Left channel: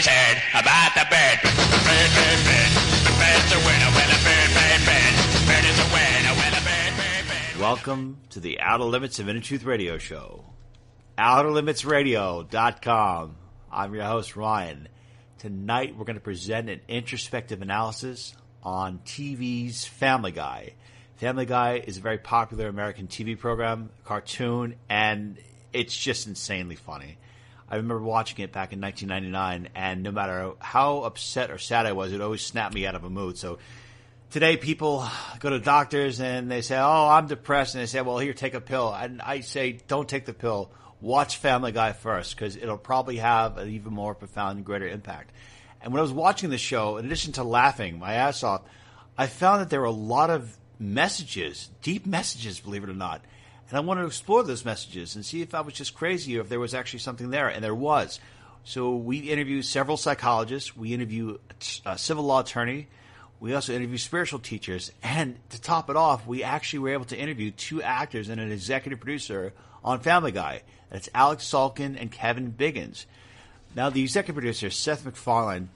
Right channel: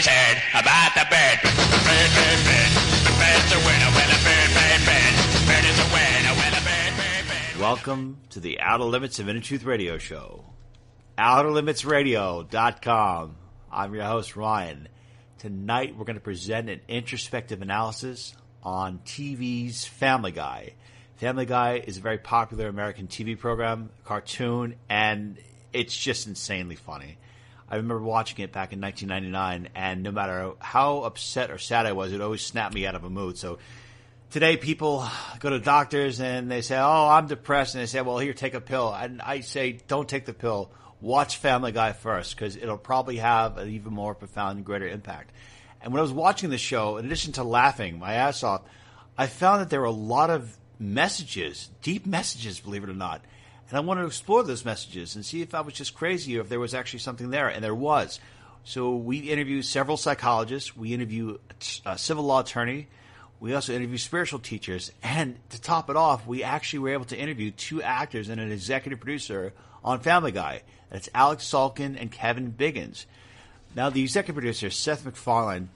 Everybody's heard about the bird. Bird, bird, bird. The bird's a winner when a bird, bird, bird. Bird is a winner when a bird, bird, bird. Welcome to the Outer Limits of Inner Truth Radio Show. OuterLimitsRadio.com. I'm your host, Ryan. Tonight we're going to present an introspective analysis on TV's Family Guy. Family Guy is a very popular American TV program, cartoon, and it's just insanely funny. I remember watching it back in 1999, and no matter how upset or sad I was, it always snapped me out of a mood. So today people go to doctors and they say, oh, I'm depressed. And they say, well, here, take a pill. And I say, don't take the pill. Watch Family Guy first, because it'll probably have an even more profound and greater impact. And when I was watching the show, in addition to laughing my ass off, I found that there were a lot of messages, deep messages, believe it or not. And I wanted to explore those messages and see if I was just crazy or if there was actually something there. And there was. So we interviewed several psychologists. We interviewed a civil law attorney. We also interviewed spiritual teachers. And to top it off, we actually were able to interview two actors and an executive producer on Family Guy. That's Alex Salkin and Kevin Biggins. Now, the executive producer, Seth MacFarlane,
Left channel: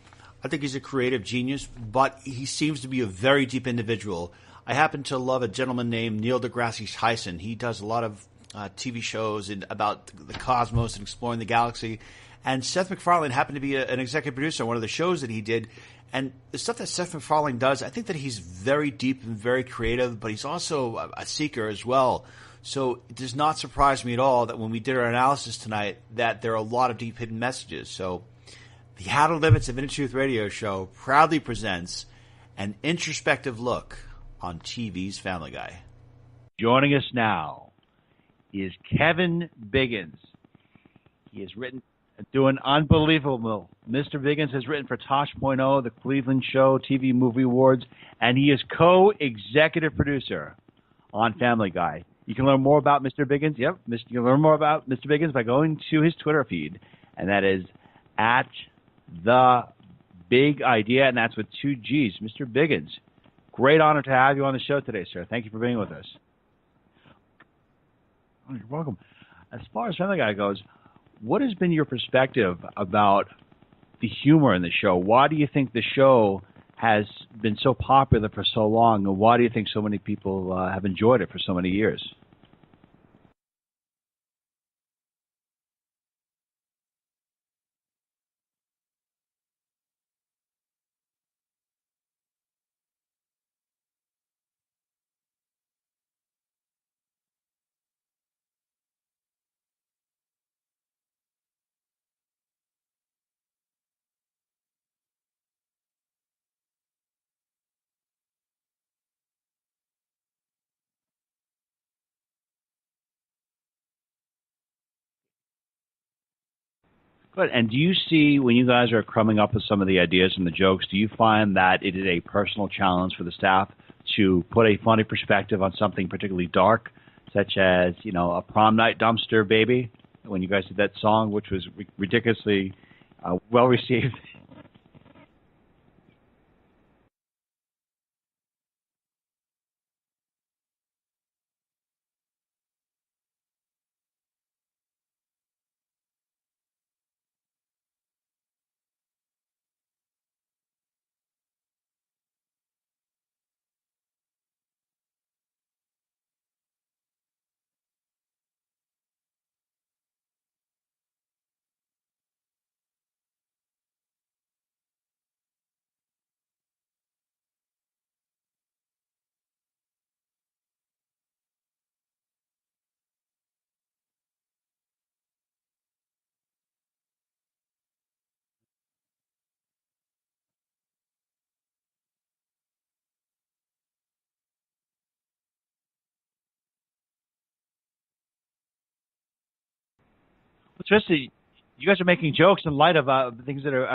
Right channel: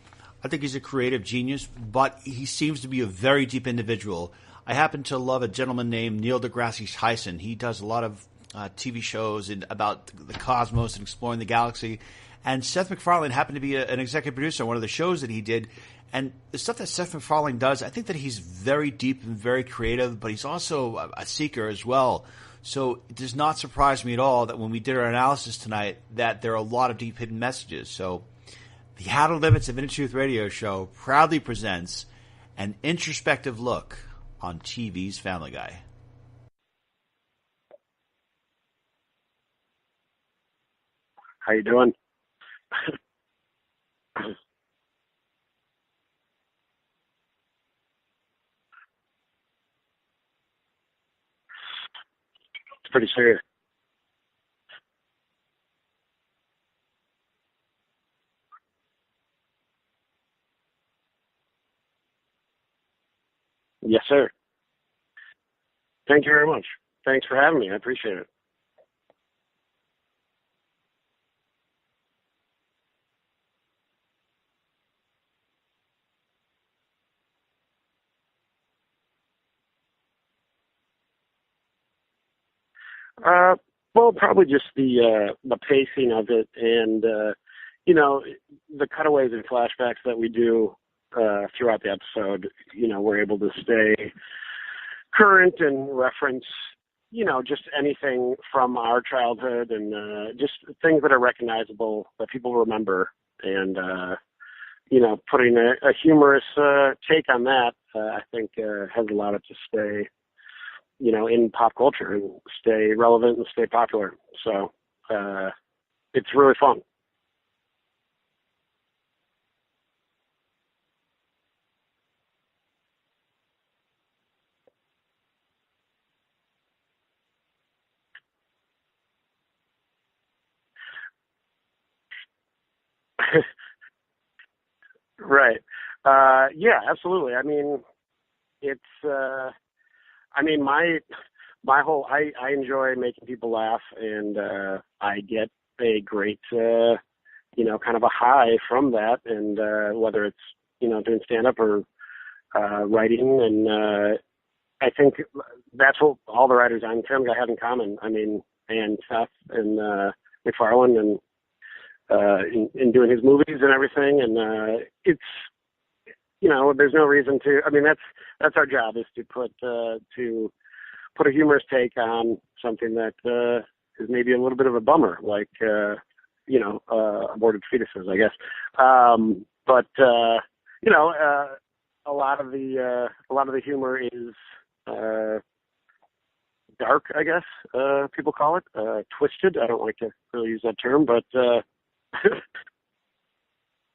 I think he's a creative genius, but he seems to be a very deep individual. I happen to love a gentleman named Neil deGrasse Tyson. He does a lot of TV shows about the cosmos and exploring the galaxy. And Seth MacFarlane happened to be an executive producer on one of the shows that he did. And the stuff that Seth MacFarlane does, I think that he's very deep and very creative, but he's also a seeker as well. So it does not surprise me at all that when we did our analysis tonight that there are a lot of deep hidden messages. So the Outer Limits of Inner Truth Radio Show proudly presents an introspective look on TV's Family Guy. Joining us now is Kevin Biggins. How you doing? Doing unbelievable. Mr. Biggins has written for Tosh.0, The Cleveland Show, TV Movie Awards, and he is co-executive producer on Family Guy. You can learn more about Mr. Biggins. Yep, you can learn more about Mr. Biggins by going to his Twitter feed, and that is at The Big Idea, and that's with two G's. Mr. Biggins, great honor to have you on the show today, sir. Thank you for being with us. Thank you very much. Thanks for having me. I appreciate it. Oh, you're welcome. As far as Family Guy goes, what has been your perspective about the humor in the show? Why do you think the show has been so popular for so long, and why do you think so many people have enjoyed it for so many years? Well, probably just the pacing of it, and the cutaways and flashbacks that we do throughout the episode. We're able to stay current and reference, just anything from our childhood and just things that are recognizable that people remember, and putting a humorous take on that, I think has allowed it to stay, in pop culture and stay relevant and stay popular. So it's really fun. Good. And do you see, when you guys are coming up with some of the ideas and the jokes, do you find that it is a personal challenge for the staff to put a funny perspective on something particularly dark, such as, a prom night dumpster baby, when you guys did that song, which was ridiculously well received? Right. Yeah, absolutely. I mean, it's, my whole, I enjoy making people laugh, and I get a great, kind of a high from that. And whether it's, doing stand-up or writing, and I think that's what all the writers on Family Guy have in common. I mean, and Seth and MacFarlane, and in doing his movies and everything, and it's, there's no reason to. I mean, that's our job, is to put a humorous take on something that is maybe a little bit of a bummer, like aborted fetuses, I guess. But a lot of the humor is dark, I guess people call it, twisted. I don't like to really use that term, but you guys are making jokes in light of things that are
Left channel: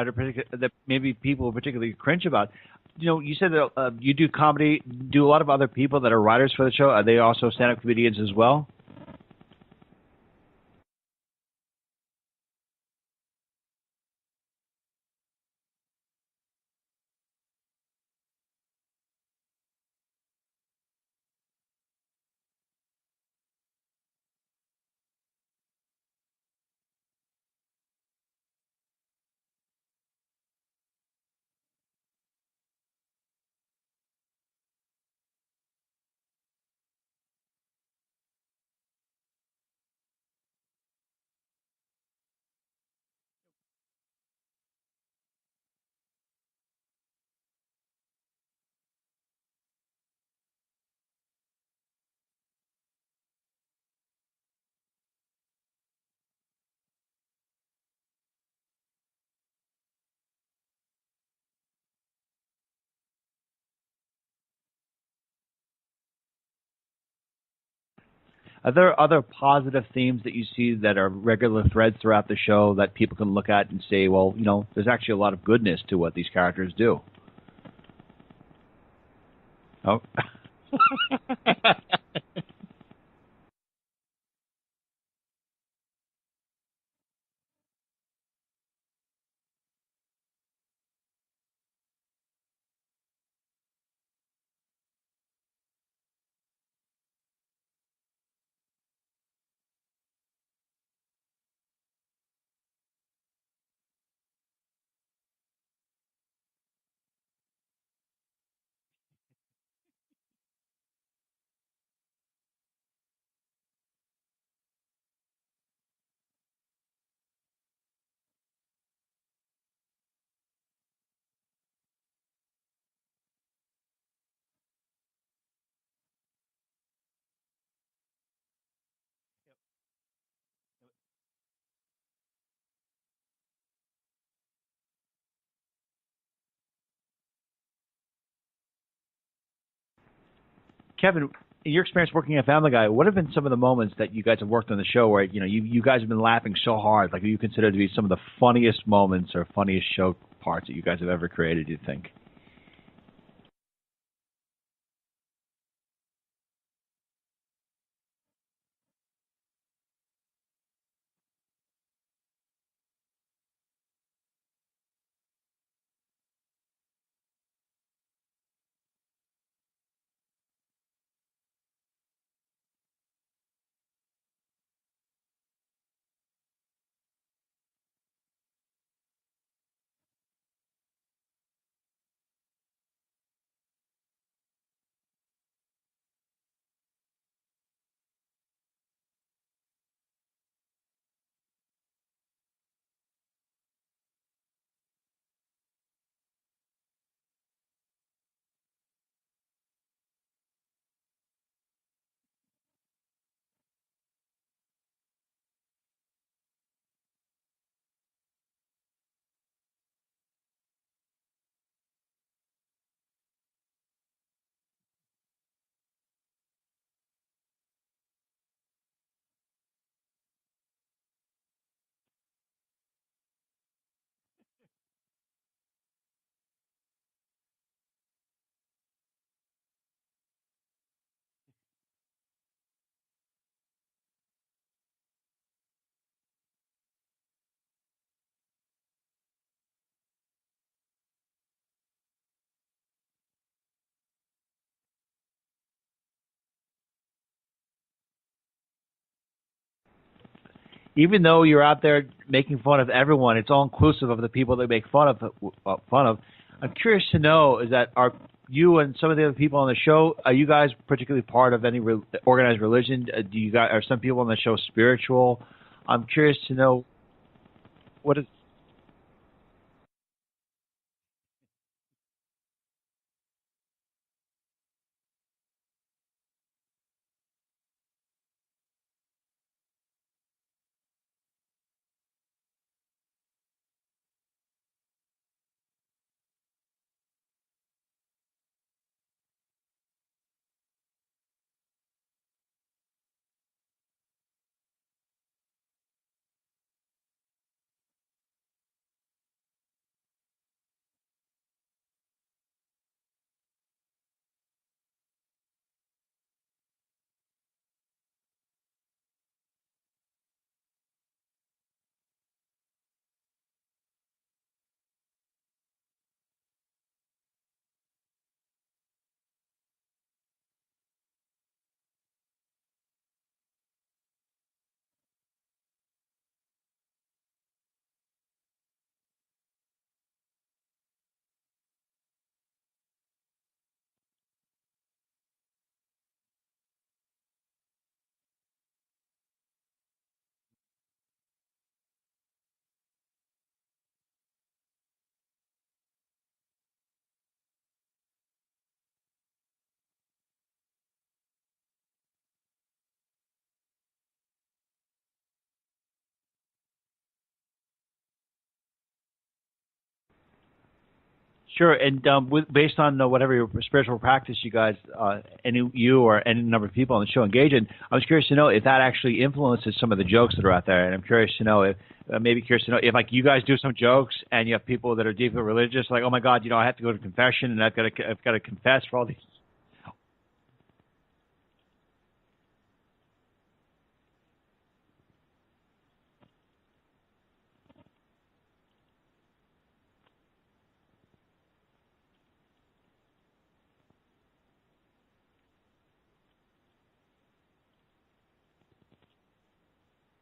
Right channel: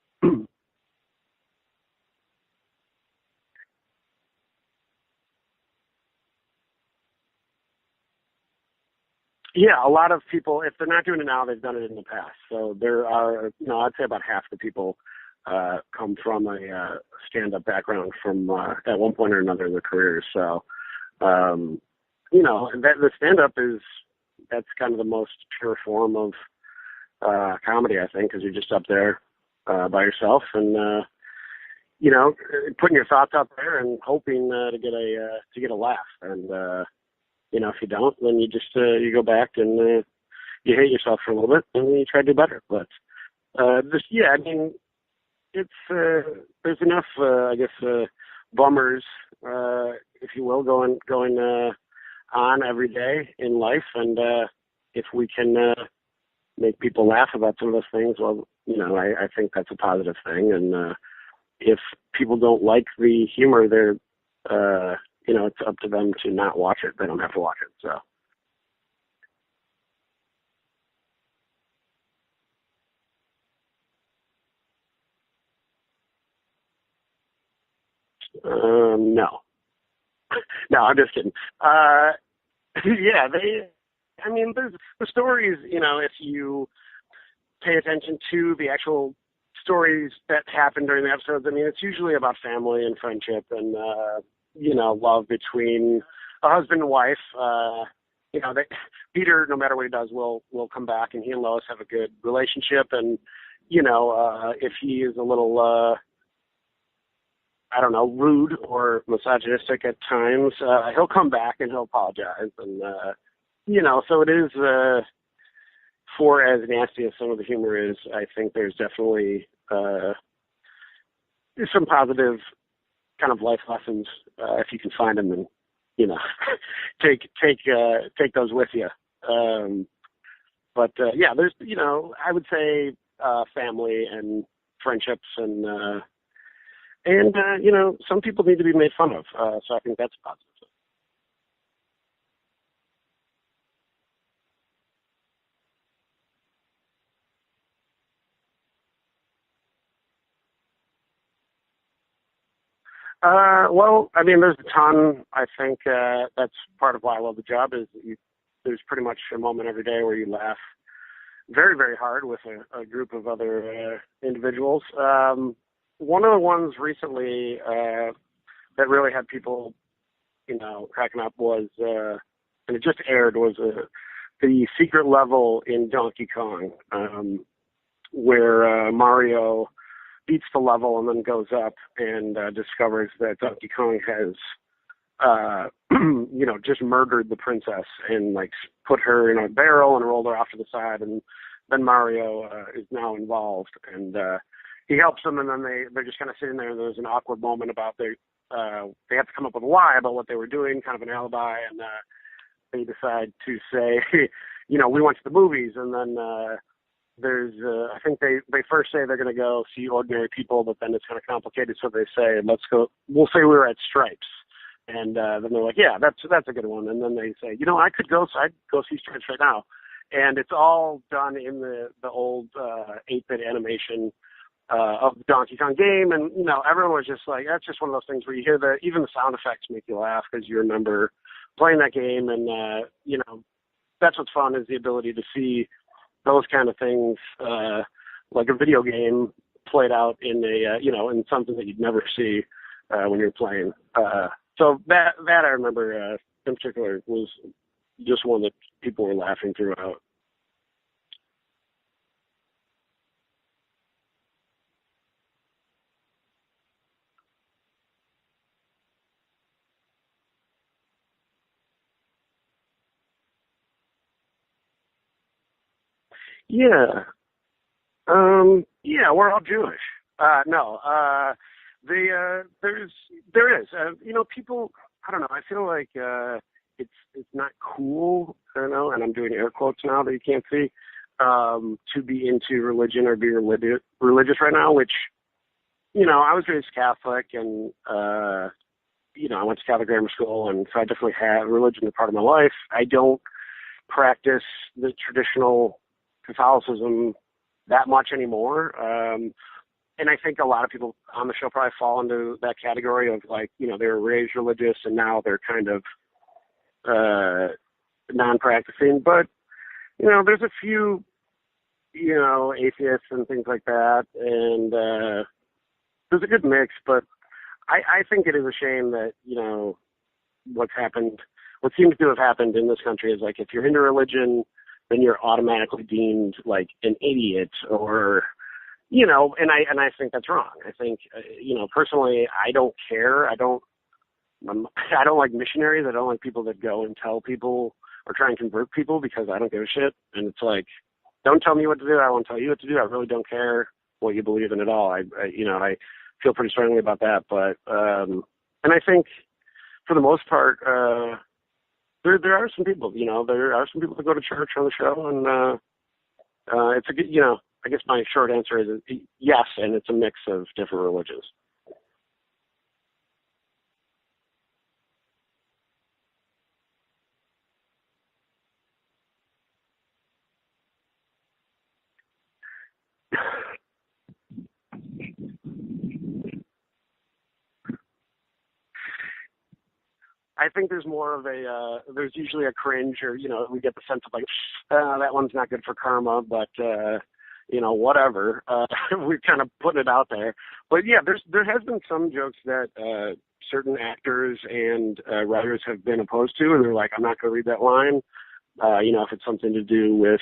that maybe people particularly cringe about. You said that you do comedy. Do a lot of other people that are writers for the show, are they also stand-up comedians as well? Yeah, a lot of people, if they're not doing it now, they've done it in the past. So there are, I'd say about half the people come from a stand-up background from at one point or another in their careers. So, the stand-up that's kind of the most pure form of comedy, I think, because you're just up there by yourself and you know, putting your thoughts out there and hoping to get a laugh. And you know, if you don't, then you just you go back and you hate yourself for a little bit and you try to do better. But just yeah, I mean, it's there's enough I guess bummers, if you will, going on every day in life, and if we can make people laugh about some of those things, well, you know, I think that's a positive thing. And if people don't like the humor, they're you know, it's up to them to not watch it. They don't have to watch it. So, are there other positive themes that you see that are regular threads throughout the show that people can look at and say, well, you know, there's actually a lot of goodness to what these characters do? No. Oh. No, I'm just kidding. Yeah, I mean, there's the stories, you know, if you pay attention to the actual stories that happen during the episodes, I mean, it's usually about family and friendship and, you know, love between a husband and wife. You know, Peter, no matter what he does, will come back, and he and Lois have a good relationship. And, you know, if he is a little, I don't know, rude or misogynistic at times, he'll come back and he'll apologize. And, you know, so it is, for as nasty as some of the humor is, I think there's definitely some positive kind of life lessons, if you can find them, and, you know, take those with you. But yeah, there's, you know, I would say family and friendships and you know, some people need to be made fun of. So I think that's positive. Kevin, in your experience working at Family Guy, what have been some of the moments that you guys have worked on the show where, you know, you guys have been laughing so hard, like you consider to be some of the funniest moments or funniest show parts that you guys have ever created, you think? Well, I mean, there's a ton. I think that's part of why I love the job is that there's pretty much a moment every day where you laugh very, very hard with a group of other individuals. One of the ones recently that really had people, you know, cracking up was, and it just aired, was the secret level in Donkey Kong, where Mario beats the level and then goes up and discovers that Donkey Kong has, you know, just murdered the princess and like put her in a barrel and rolled her off to the side. And then Mario is now involved, and he helps them. And then they're just kind of sitting there, and there's an awkward moment about they have to come up with a lie about what they were doing, kind of an alibi, and they decide to say, you know, we went to the movies, and then there's I think they first say they're going to go see Ordinary People, but then it's kind of complicated, so they say, we'll say we were at Stripes. And then they're like, yeah, that's a good one. And then they say, you know, I'd go see Stripes right now. And it's all done in the old 8-bit animation of the Donkey Kong game. And, you know, everyone was just like, that's just one of those things where you hear even the sound effects make you laugh because you remember playing that game. And, you know, that's what's fun, is the ability to see those kind of things, like a video game played out in you know, in something that you'd never see when you're playing. So that I remember in particular was just one that people were laughing throughout. Even though you're out there making fun of everyone, it's all inclusive of the people they make fun of. I'm curious to know, is that are you and some of the other people on the show, are you guys particularly part of any organized religion? Are some people on the show spiritual? I'm curious to know. Yeah. Yeah, we're all Jewish. No. There is. You know, people, I don't know, I feel like it's not cool, I don't know, and I'm doing air quotes now that you can't see, to be into religion or be religious right now, which, you know, I was raised Catholic, and, you know, I went to Catholic grammar school, and so I definitely had religion as part of my life. I don't practice the traditional Catholicism that much anymore. And I think a lot of people on the show probably fall into that category of, like, you know, they were raised religious and now they're kind of non-practicing. But, you know, there's a few, you know, atheists and things like that. And there's a good mix. But I think it is a shame that, you know, what seems to have happened in this country is, like, if you're into religion, then you're automatically deemed like an idiot, or, you know, and I think that's wrong. I think, you know, personally, I don't care. I don't like missionaries. I don't like people that go and tell people or try and convert people, because I don't give a shit. And it's like, don't tell me what to do. I won't tell you what to do. I really don't care what you believe in at all. I feel pretty strongly about that. But, and I think for the most part, there are some people, you know, that go to church on the show, and it's a good, you know, I guess my short answer is yes, and it's a mix of different religions. Sure, and based on whatever your spiritual practice you guys, you or any number of people on the show engage in, I was curious to know if that actually influences some of the jokes that are out there. And I'm curious to know if, like, you guys do some jokes and you have people that are deeply religious, like, oh my God, you know, I have to go to confession and I've got to confess. I think there's more of there's usually a cringe, or, you know, we get the sense of like, that one's not good for karma, but, you know, whatever. We're kind of putting it out there. But yeah, there has been some jokes that certain actors and writers have been opposed to, and they're like, I'm not going to read that line. You know, if it's something to do with,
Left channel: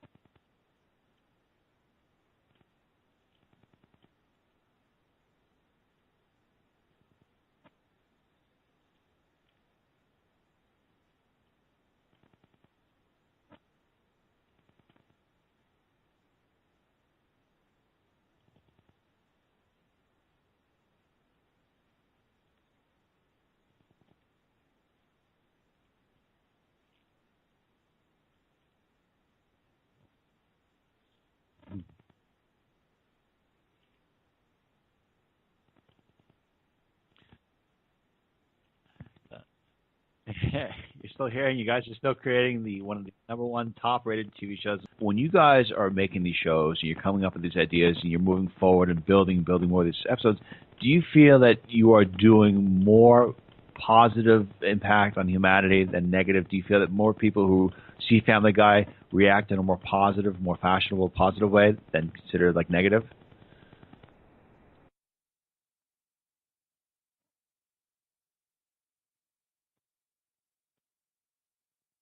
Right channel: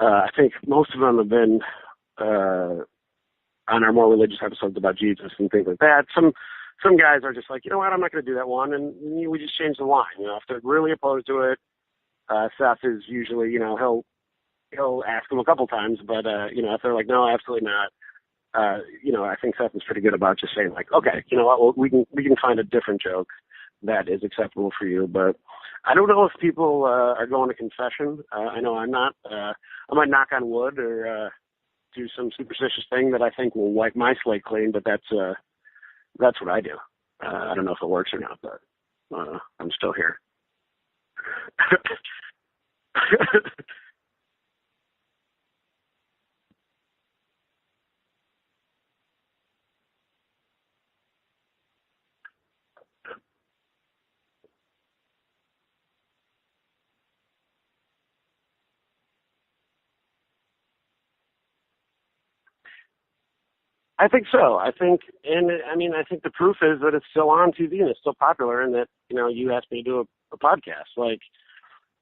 I think most of them have been on our more religious episodes about Jesus and things like that. Some guys are just like, you know what, I'm not going to do that one, and we just change the line. You know, if they're really opposed to it, Seth is usually, you know, he'll ask them a couple times, but you know, if they're like, no, absolutely not, you know, I think Seth is pretty good about just saying like, okay, you know what, well, we can find a different joke that is acceptable for you. But I don't know if people are going to confession. I know I'm not. I might knock on wood or do some superstitious thing that I think will wipe my slate clean, but that's what I do. I don't know if it works or not, but I'm still here. You're still here, and you guys are still creating one of the number one top-rated TV shows. When you guys are making these shows, and you're coming up with these ideas, and you're moving forward and building more of these episodes, do you feel that you are doing more positive impact on humanity than negative? Do you feel that more people who see Family Guy react in a more positive, more fashionable, positive way than consider like negative? I think so. I think the proof is that it's still on TV and it's still popular, and that, you know, you asked me to do a podcast. Like,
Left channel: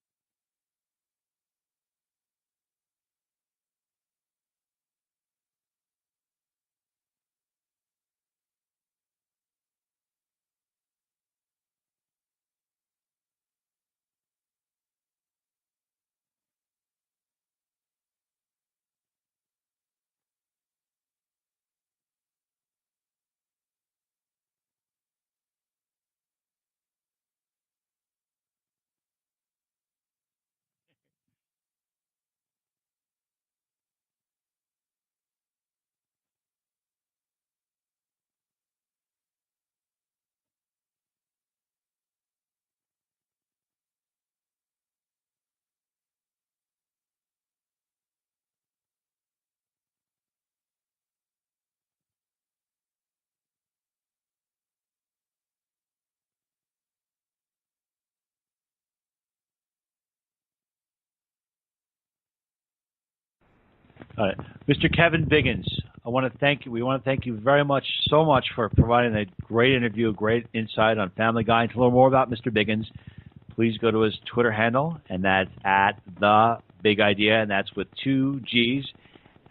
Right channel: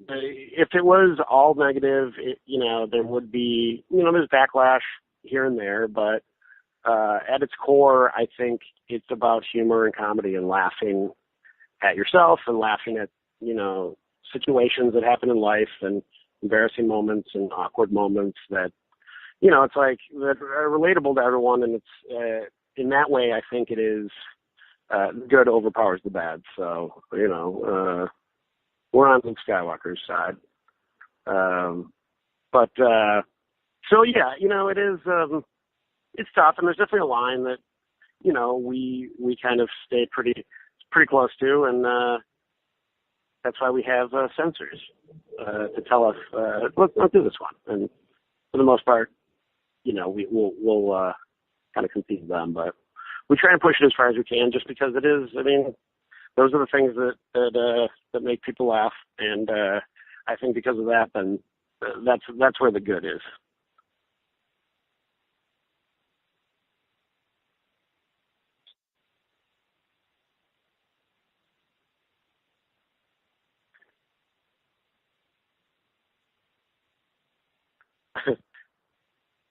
if it was all negative, you know, there would be, you know, there's backlash here and there, but at its core, I think it's about humor and comedy and laughing at yourself and laughing at, you know, situations that happen in life and embarrassing moments and awkward moments that, you know, it's like that are relatable to everyone, and it's in that way I think it is good overpowers the bad. So, you know, we're on Luke Skywalker's side. But so yeah, you know, it is it's tough, and there's definitely a line that, you know, we kind of stay pretty close to, and that's why we have censors to tell us let's not do this one. And for the most part, you know, we'll kind of compete with them, but we try and push it as far as we can, just because it is. I mean, those are the things that make people laugh, and I think because of that, then that's where the good is. All right, Mr. Kevin Biggins, I want to thank you. We want to thank you so much for providing a great interview, great insight on Family Guy. And to learn more about Mr. Biggins, please go to his Twitter handle, and that's at The Big Idea, and that's with 2 G's.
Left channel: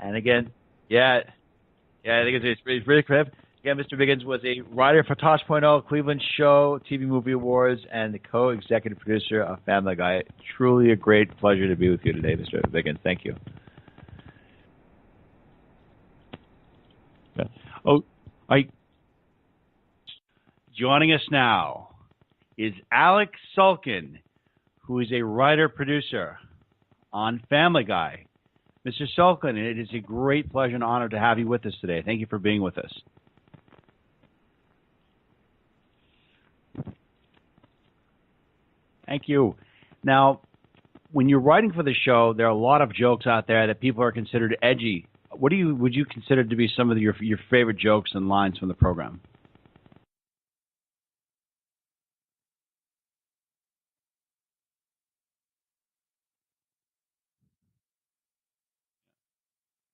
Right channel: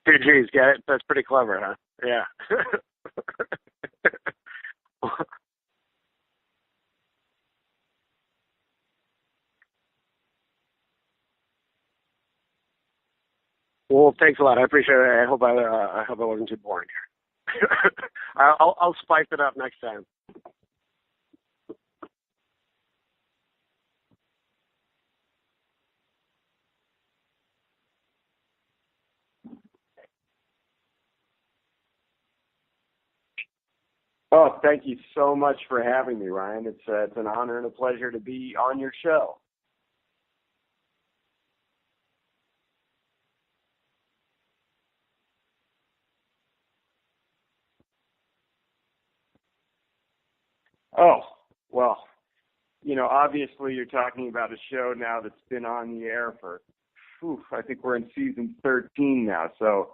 Two G's, that's pretty clever, huh? Yeah, I think it's really clever. Again, Mr. Biggins was a writer for Tosh.0, Cleveland Show, TV Movie Awards, and the co-executive producer of Family Guy. Truly a great pleasure to be with you today, Mr. Biggins. Thank you. Well, thanks a lot. I appreciate it. I hope I wasn't too boring here. Yeah. Oh, I'll spice it up next time. Joining us now is Alex Sulkin, who is a writer-producer on Family Guy. Mr. Sulkin, it is a great pleasure and honor to have you with us today. Thank you for being with us. Oh, thank you so much for having me, Ryan. It's an honor and a pleasure to be on your show. Thank you. Now, when you're writing for the show, there are a lot of jokes out there that people are considered edgy. What would you consider to be some of your favorite jokes and lines from the program? Oh, well, you know, obviously you're talking about a show now that's been on the air for, I think we're in season 13 now. So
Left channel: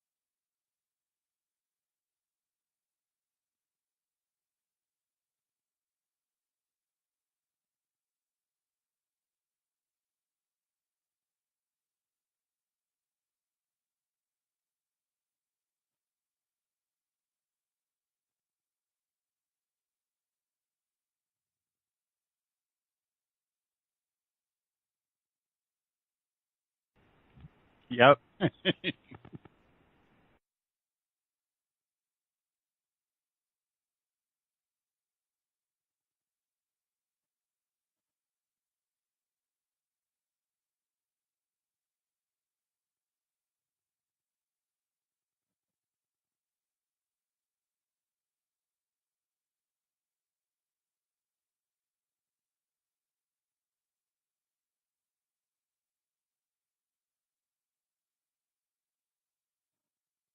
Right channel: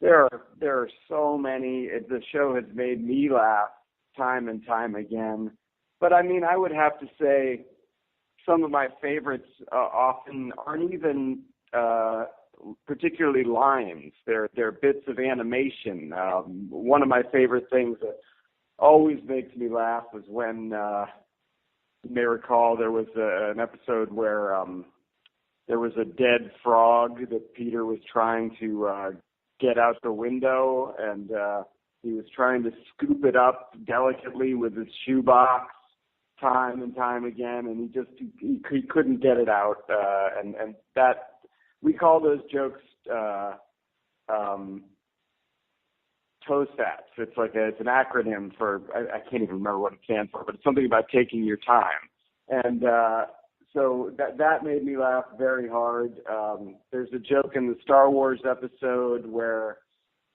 there are so many. The show has made me laugh time and time again. But I mean, I would have to say some of my favorites often aren't even particularly lines. They're bits of animation. One of my favorite things that always makes me laugh was when you may recall there was an episode where there was a dead frog that Peter was trying to get out the window, and he was trying to scoop it up delicately with his shoebox time and time again, and he couldn't get it out, and that we call those jokes TOSATs. It's an acronym for I can't even remember what it stands for, but it's something about taking your time, and so that made me laugh very hard. There's a joke in the Star Wars episode where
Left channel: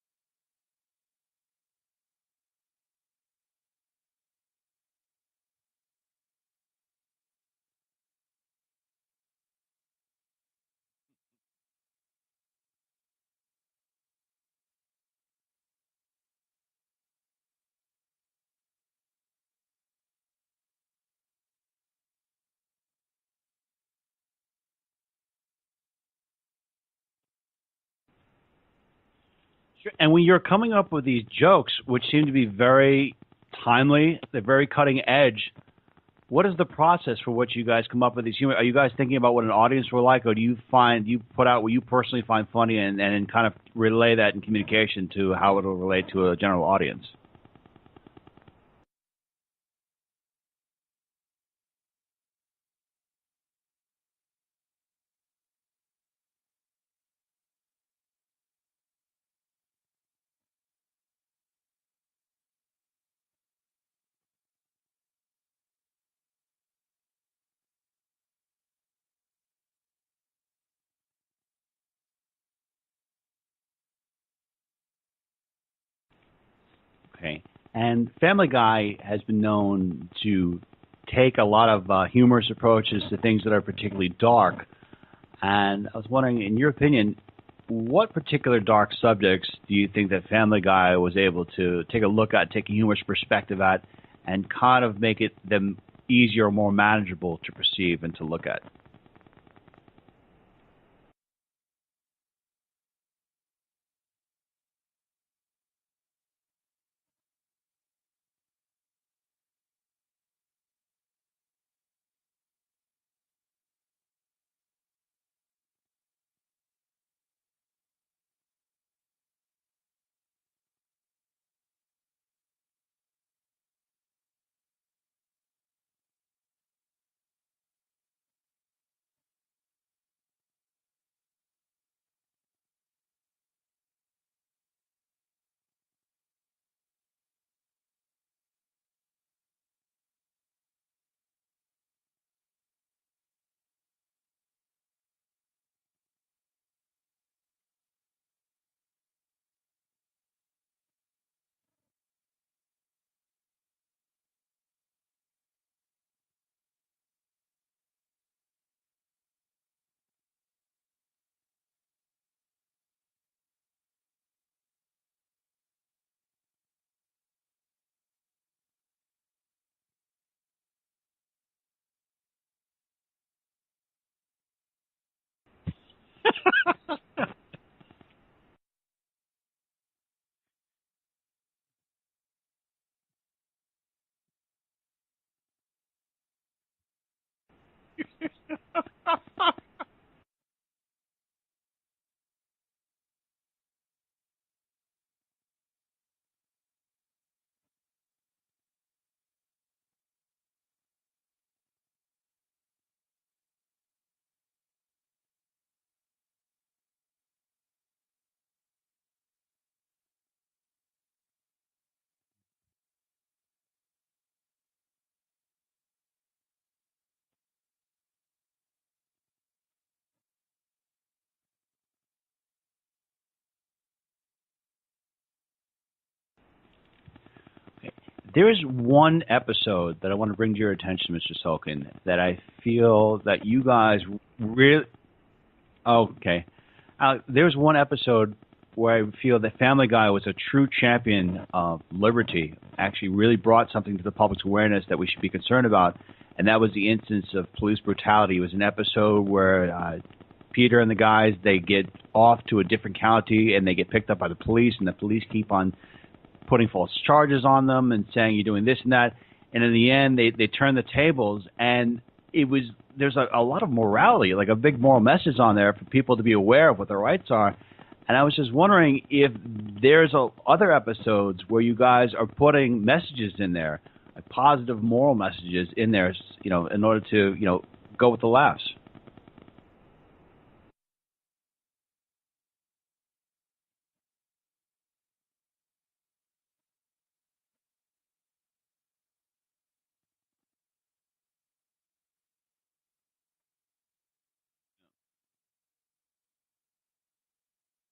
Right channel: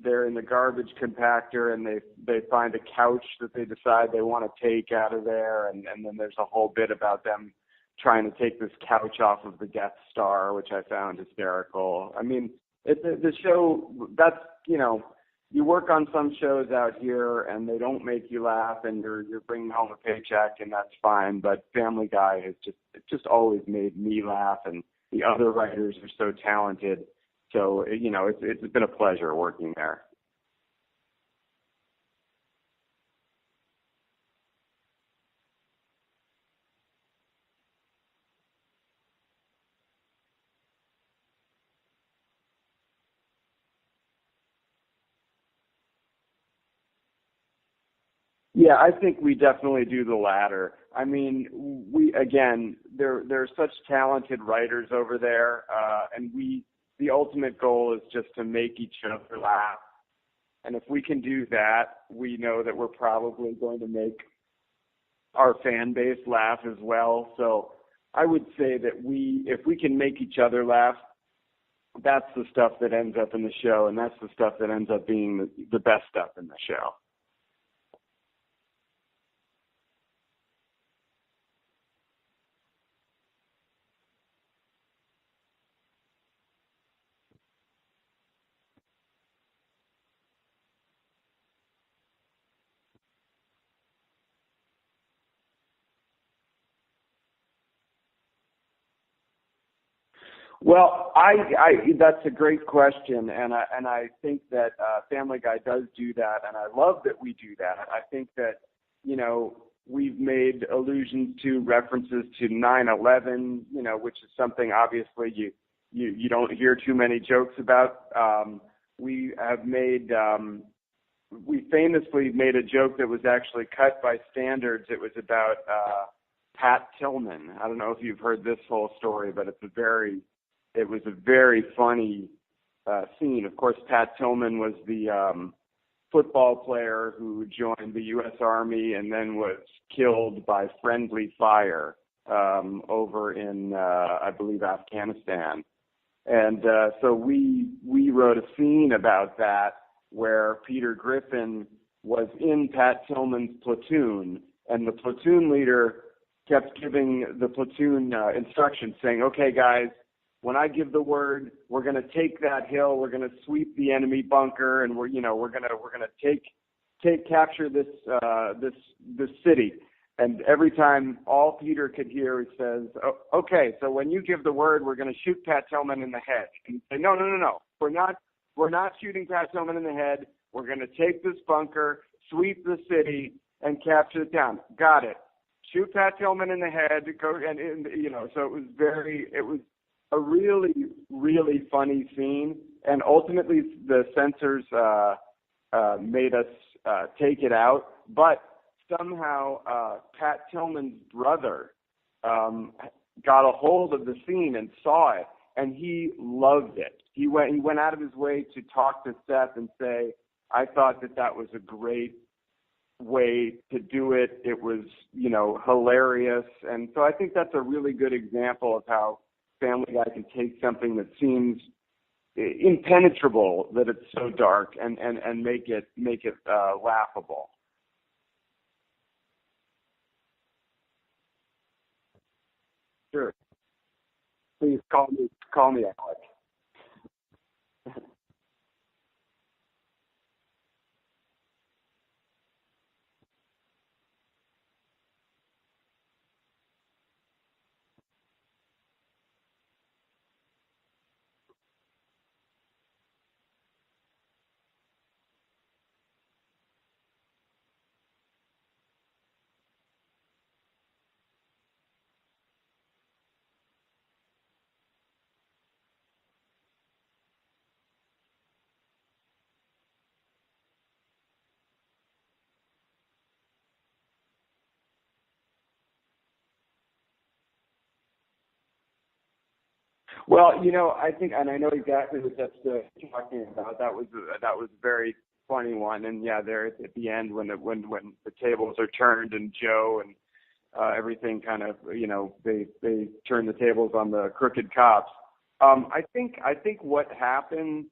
they're in the garbage compactor and they find a couch that they decide they want to take out of there, and then there's a whole bit about them trying to take this couch off of the Death Star, which I found hysterical. I mean, the show, that's, you work on some shows out here and they don't make you laugh and you're bringing home a paycheck, and that's fine, but Family Guy has just always made me laugh, and the other writers are so talented. So, it's been a pleasure working there. And when you're coming up with these jokes, which seem to be very timely, they're very cutting edge, what is the process for which you guys come up with these humor? Are you guys thinking about what an audience will like, or do you put out what you personally find funny and kind of relay that in communication to how it will relate to a general audience? Yeah, I think we definitely do the latter. I mean, there are such talented writers over there, and the ultimate goal is just to make each other laugh. And if we can do that, we know that we're probably going to make our fan base laugh as well. So I would say that if we can make each other laugh, that's the stuff that ends up in the show, and that's the stuff that ends up being the best stuff in the show. Okay. And Family Guy has been known to take a lot of humorous approaches to things that are particularly dark. And I was wondering, in your opinion, what particular dark subjects do you think that Family Guy was able to take a look at, take a humorous perspective at, and kind of make them easier or more manageable to perceive and to look at? Well, that's a great question, and I think that Family Guy does do that, and I love that we do that. I think that, we've made allusions to references to 9/11, which is something obviously you don't hear too many jokes about. We famously made a joke that was actually cut by standards. It was about Pat Tillman. I don't know if you've heard this whole story, but it was a very funny scene. Of course, Pat Tillman was the football player who joined the U.S. Army and then was killed by friendly fire over in, I believe, Afghanistan. And so we wrote a scene about that where Peter Griffin was in Pat Tillman's platoon, and the platoon leader kept giving the platoon instructions saying, "Okay, guys, when I give the word, we're going to take that hill, we're going to sweep the enemy bunker, and we're going to capture this city." And every time, all Peter could hear, he says, "Okay, so when you give the word, we're going to shoot Pat Tillman in the head." And say, no. We're not shooting Pat Tillman in the head. We're going to take this bunker, sweep the city, and capture the town. Got it. Shoot Pat Tillman in the head. Go and So it was a really, really funny scene, and ultimately the censors made us take it out. But somehow Pat Tillman's brother got a hold of the scene and saw it, and he loved it. He went out of his way to talk to Seth and say, "I thought that was a great way to do it. It was, hilarious." And so I think that's a really good example of how Family Guy can take something that seems impenetrable, that it's so dark, and make it laughable. There is one episode that I want to bring to your attention, Mr. Sulkin, that I feel that you guys really call me. Okay. There's one episode where I feel that Family Guy was a true champion of liberty, actually really brought something to the public's awareness that we should be concerned about, and that was the instance of police brutality. It was an episode where Peter and the guys, they get off to a different county and they get picked up by the police, and the police keep on putting false charges on them and saying you're doing this and that. And in the end, they turn the tables, and there's a lot of morality, like a big moral message on there for people to be aware of what their rights are. And I was just wondering if there's other episodes where you guys are putting messages in there, like positive moral messages in there, in order to, go with the laughs. Well, I think, and I know exactly what that's talking about. That was a very funny one, and yeah, there at the end when the tables are turned and Joe and everything kind of, they turn the tables on the crooked cops. I think what happens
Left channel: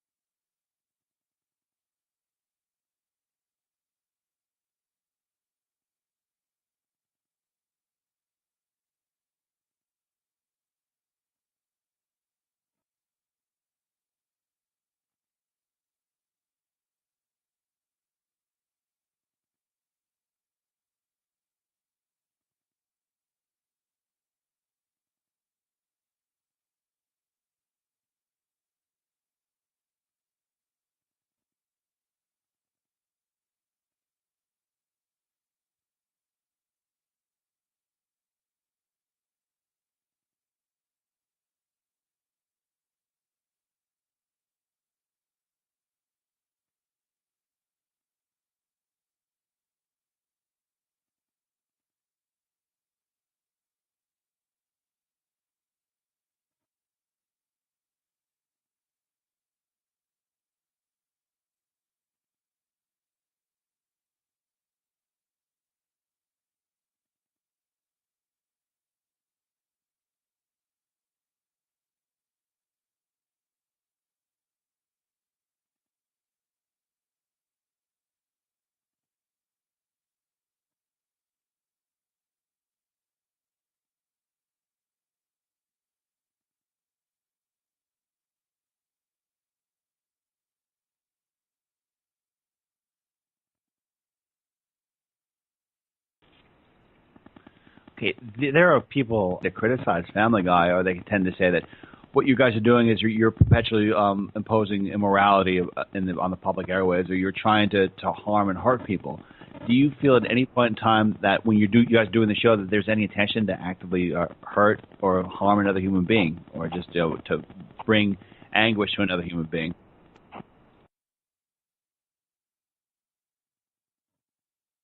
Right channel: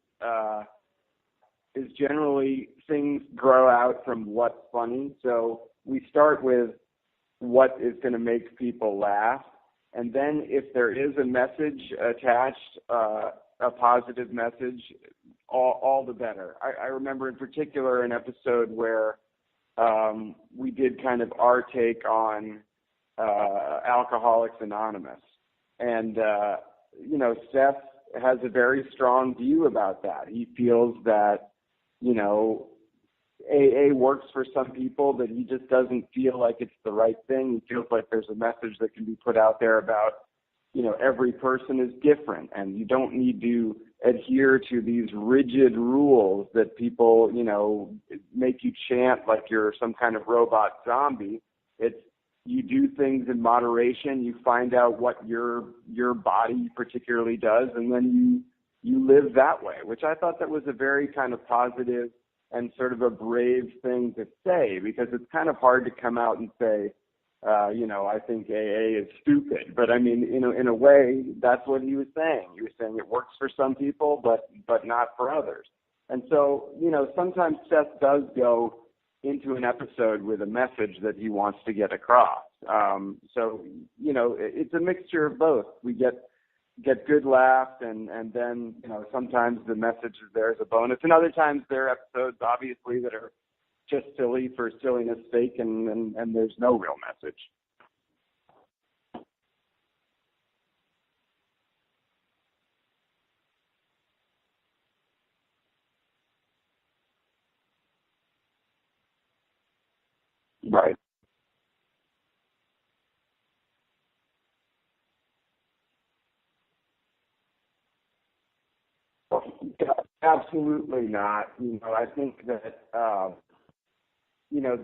is generally things grow out from what's funny. So we start with what is going to make people laugh. And then if there is a message attached, a positive message, all the better. I remember in particular an episode where we did kind of our take on Alcoholics Anonymous. And, Seth has a very strong view about that. He feels that, AA works for some people, that he just doesn't feel like it's the right thing. He feels like there's a message that can be put out there about, every person is different, and you don't need to adhere to these rigid rules that people, make you chant like you're some kind of robot zombie. It's, you do things in moderation, you find out what your body particularly does, and then you live that way, which I thought that was a very kind of positive and sort of a brave thing to say, because it's kind of hard to come out and say, I think AA is stupid. But I mean, in a way, that's what he was saying. He was saying it works for some people, but not for others. And so, sometimes Seth does go into an episode with a message that he wants to get across. So, it's a mixture of both. We get good laughs, and then, sometimes the message is there as a bonus. And other times there are episodes, obviously, that are just silly for silliness sake, and there's no real message. Okay, there are people that criticize Family Guy, or they tend to say that what you guys are doing is you're perpetually imposing immorality on the public airways, or you're trying to harm and hurt people. Do you feel at any point in time that when you guys doing the show that there's any intention to actively hurt or harm another human being, or just to bring anguish to another human being? Absolutely not. I think that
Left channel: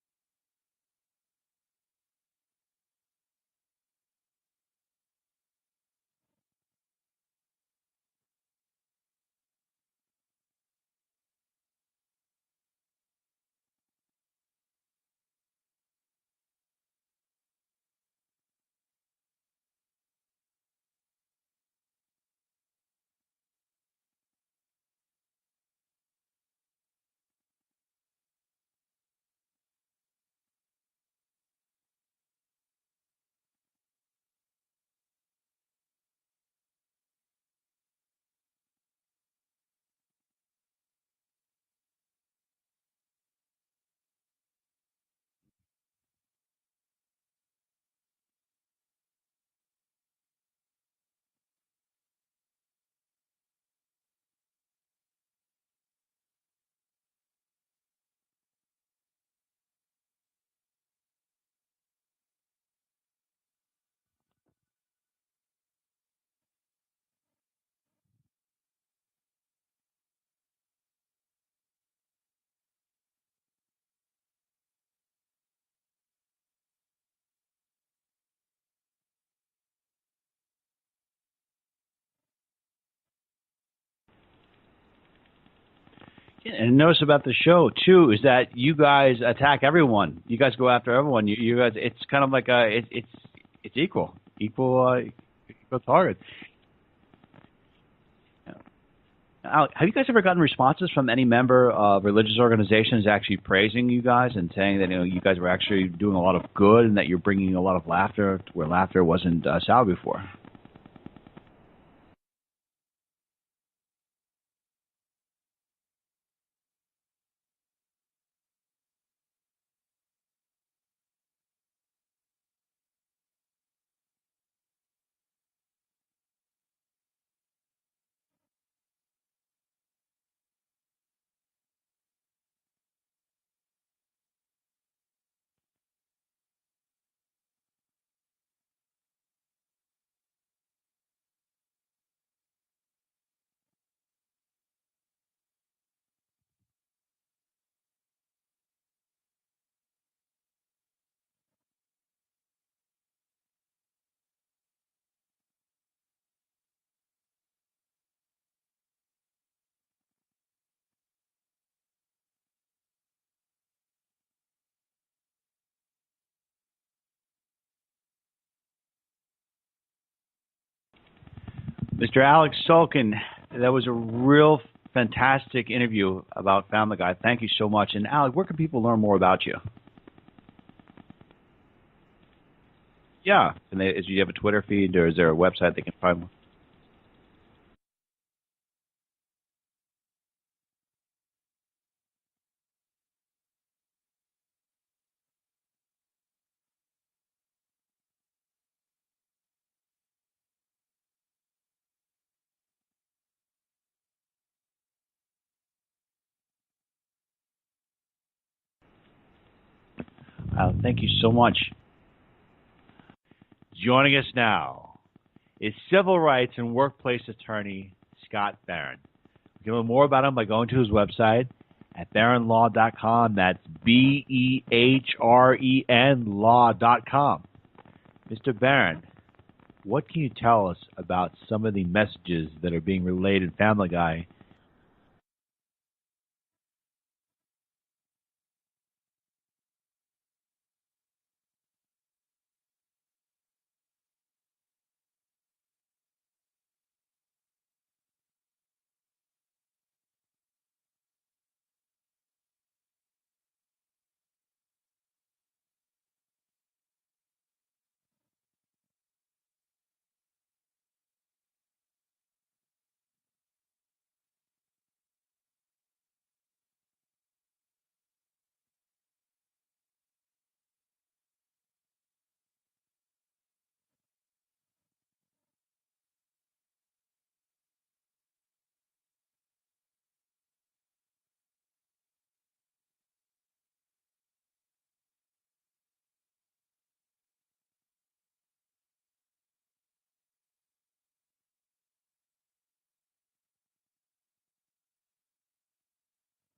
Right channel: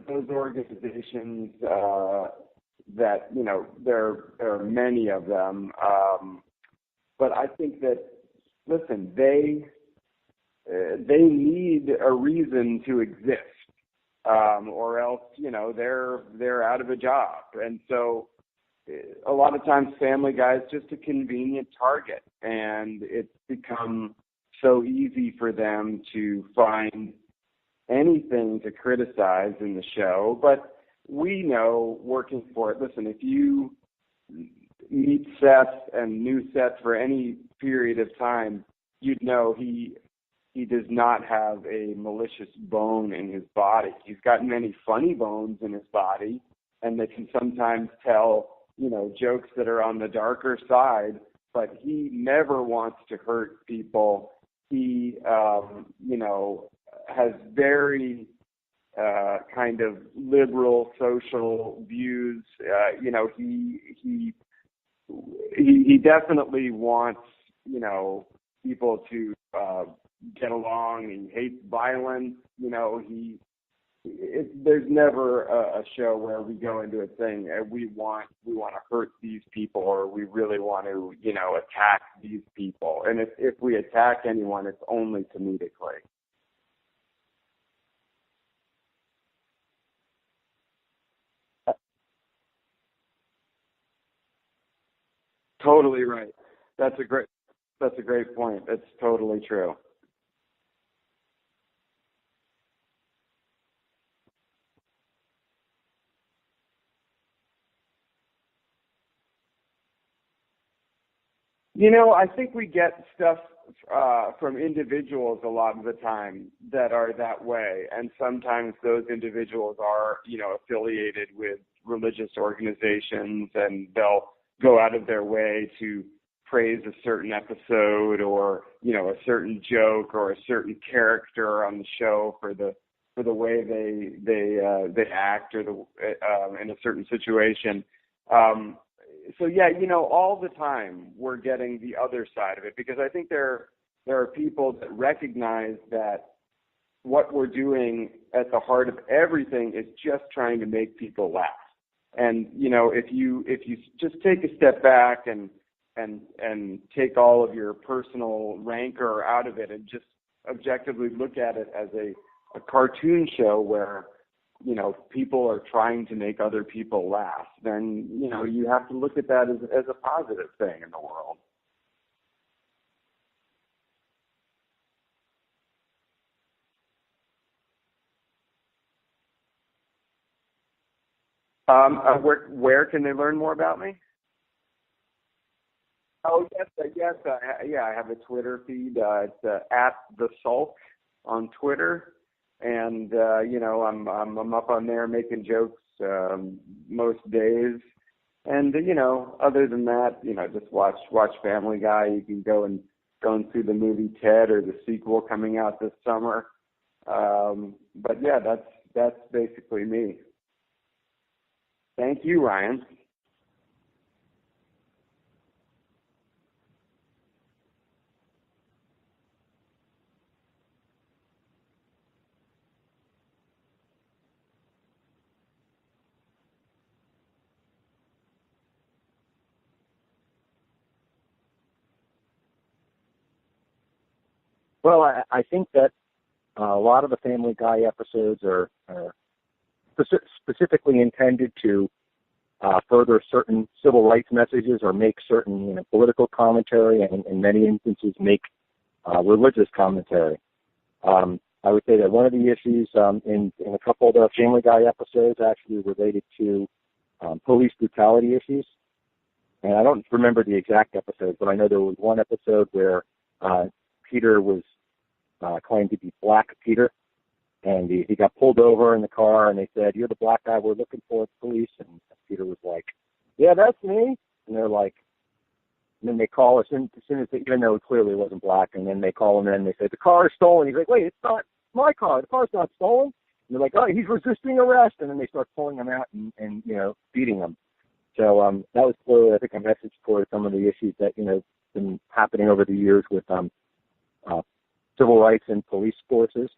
those organizations that there are many of them, but I think that, listen, they need a reason to exist. Or else, they're out of a job. And so a lot of times Family Guy is just a convenient target, and it's become so easy for them to find anything to criticize in the show. But we know, working for it, listen, if you meet Seth and knew Seth for any period of time, you'd know he does not have a malicious bone in his body. He's got many funny bones in his body, and they can sometimes tell, jokes that are on the darker side, but he never wants to hurt people. He, has very kind of liberal social views. He definitely wants, people to get along. He hates violence. There's never a show where we go into it saying we want to hurt these people, or we really want to attack these people. And if we attack anyone, it's only comedically. Yeah, and notice about the show too is that you guys attack everyone. You guys go after everyone. You guys, it's kind of like it's equal. Totally right. That's a great point. That's totally true. Now, have you guys ever gotten responses from any member of religious organizations actually praising you guys and saying that you guys were actually doing a lot of good and that you're bringing a lot of laughter where laughter wasn't sound before? I think we get stuff from individuals a lot of the time that are that way, and sometimes those individuals are affiliated with religious organizations, and they'll go out of their way to praise a certain episode or, you know, a certain joke or a certain character on the show for the way they act or in a certain situation. So yeah, you know, all the time we're getting the other side of it, because I think there are people that recognize that what we're doing at the heart of everything is just trying to make people laugh. And, you know, if you just take a step back and take all of your personal rancor out of it and just objectively look at it as a cartoon show where, you know, people are trying to make other people laugh, then, you know, you have to look at that as a positive thing in the world. Mr. Alex Sulkin, that was a real fantastic interview about Family Guy. Thank you so much. And Alex, where can people learn more about you? Where can they learn more about me? Do you have a Twitter feed, or is there a website they can find? Oh, yes. I have a Twitter feed. It's at the Sulk on Twitter. And, you know, I'm up on there making jokes most days. And, you know, other than that, you know, just watch Family Guy. You can go and see the movie Ted or the sequel coming out this summer. But, yeah, that's basically me. Thank you so much. Thank you, Ryan. Joining us now is civil rights and workplace attorney Scott Barron. You can learn more about him by going to his website at barronlaw.com. That's BEHREN law.com. Mr. Barron, what can you tell us about some of the messages that are being relayed in Family Guy? Well, I think that a lot of the Family Guy episodes are specifically intended to further certain civil rights messages or make certain, you know, political commentary, and in many instances make religious commentary. I would say that one of the issues in a couple of the Family Guy episodes actually related to police brutality issues. And I don't remember the exact episode, but I know there was one episode where Peter was claimed to be Black Peter. And he got pulled over in the car, and they said, "You're the black guy we're looking for at the police." And Peter was like, "Yeah, that's me." And they're like, and then they call us, and as soon as even though it clearly wasn't black, and then they call him in, and they say, "The car is stolen." He's like, "Wait, it's not my car. The car's not stolen." And they're like, "Oh, he's resisting arrest." And then they start pulling him out and you know, beating him. So that was clearly, I think, a message for some of the issues that, you know, been happening over the years with civil rights and police forces.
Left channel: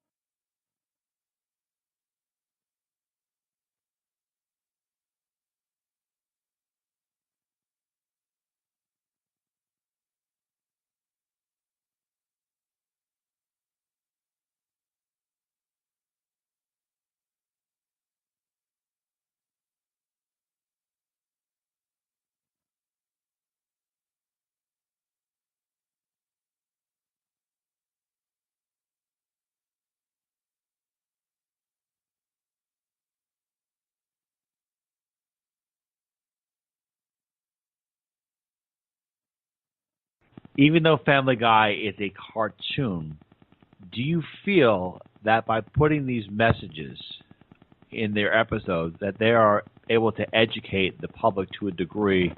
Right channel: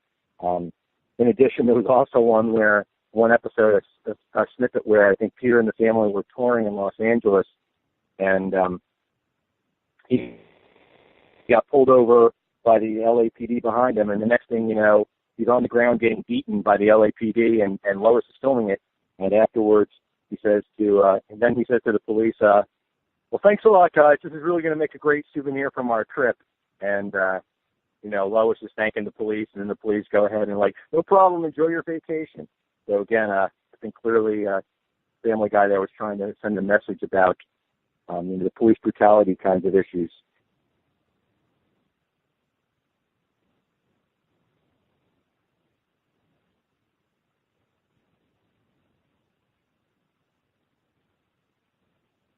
In addition, there was also one episode, a snippet where I think Peter and the family were touring in Los Angeles, and he got pulled over by the LAPD behind him, and the next thing you know, he's on the ground getting beaten by the LAPD, and Lois is filming it, and afterwards he says to the police, "Well, thanks a lot, guys. This is really going to make a great souvenir from our trip," and you know, Lois is thanking the police, and then the police go ahead and like, "No problem, enjoy your vacation." So again, I think clearly Family Guy there was trying to send a message about you know, the police brutality kinds of issues. Even though Family Guy is a cartoon, do you feel that by putting these messages in their episodes that they are able to educate the public to a degree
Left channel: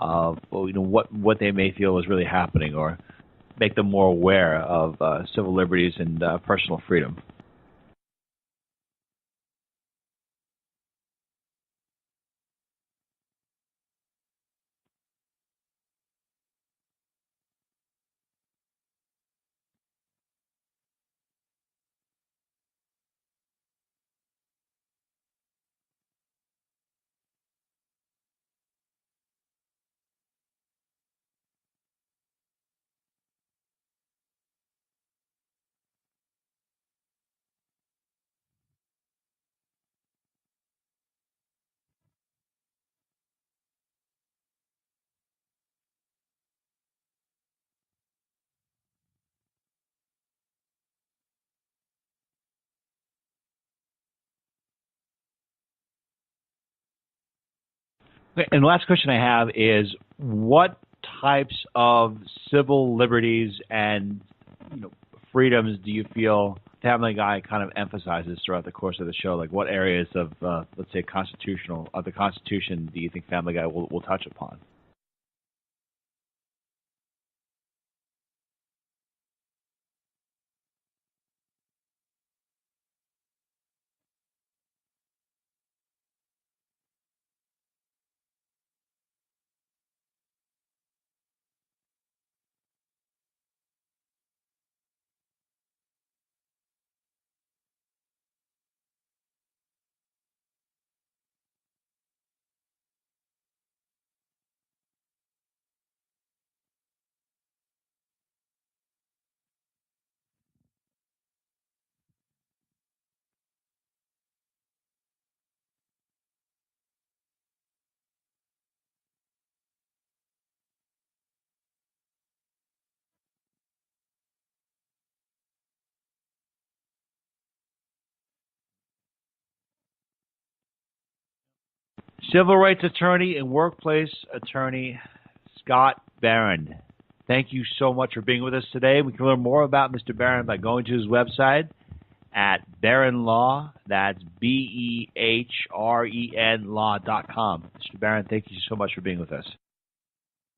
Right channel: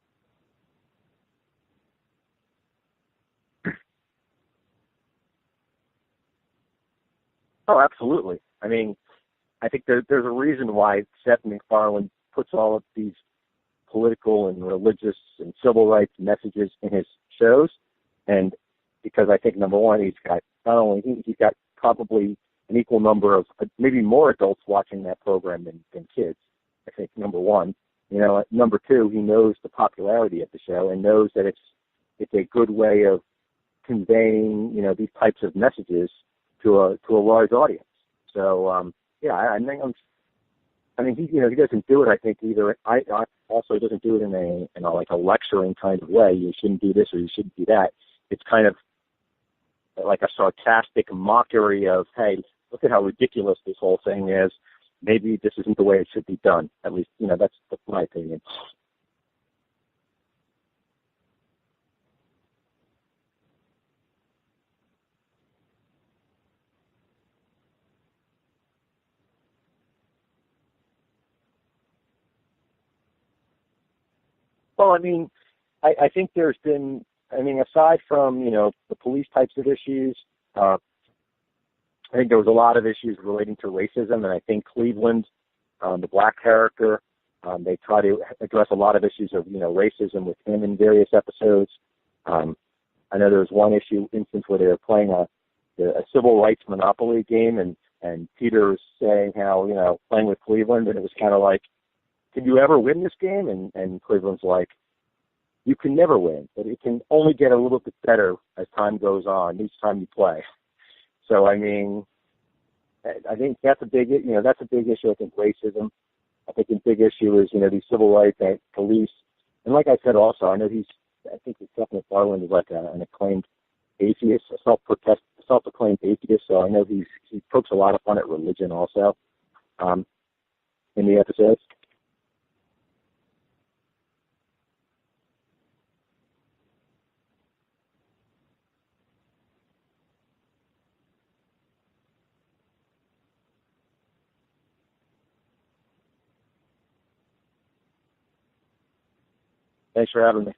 of, you know, what they may feel is really happening, or make them more aware of civil liberties and personal freedom? Oh, absolutely. I mean, I think there's a reason why Seth MacFarlane puts all of these political and religious and civil rights messages in his shows, and because I think, number one, he's got probably an equal number of, maybe more adults watching that program than kids. I think, number one. You know, number two, he knows the popularity of the show and knows that it's a good way of conveying, you know, these types of messages to a large audience. So yeah, I mean, he doesn't do it. I think either. I also doesn't do it in a like a lecturing kind of way. You shouldn't do this or you shouldn't do that. It's kind of like a sarcastic mockery of, hey, look at how ridiculous this whole thing is. Maybe this isn't the way it should be done. At least, you know, that's my opinion. And the last question I have is, what types of civil liberties and, you know, freedoms do you feel Family Guy kind of emphasizes throughout the course of the show? Like, what areas of, let's say, the Constitution do you think Family Guy will touch upon? Well, I mean, I think there's been, I mean, aside from, the police types of issues, I think there was a lot of issues relating to racism, and I think Cleveland, the black character, they try to address a lot of issues of, racism with him in various episodes. I know there was one instance where they were playing a civil rights Monopoly game, and Peter was saying how, playing with Cleveland, and it was kind of like, can you ever win this game? And Cleveland's like, you can never win, but it can only get a little bit better as time goes on, each time you play. So, I mean, I think that's a big issue. I think racism. I think a big issue is, these civil rights and police. And like I said also, I think Seth MacFarlane is like an acclaimed atheist, a self-proclaimed atheist. So I know he pokes a lot of fun at religion also in the episodes. Civil rights attorney and workplace attorney Scott Barron. Thank you so much for being with us today. We can learn more about Mr. Barron by going to his website at Barron Law. That's BEHREN law.com. Mr. Barron, thank you so much for being with us. Thanks for having me.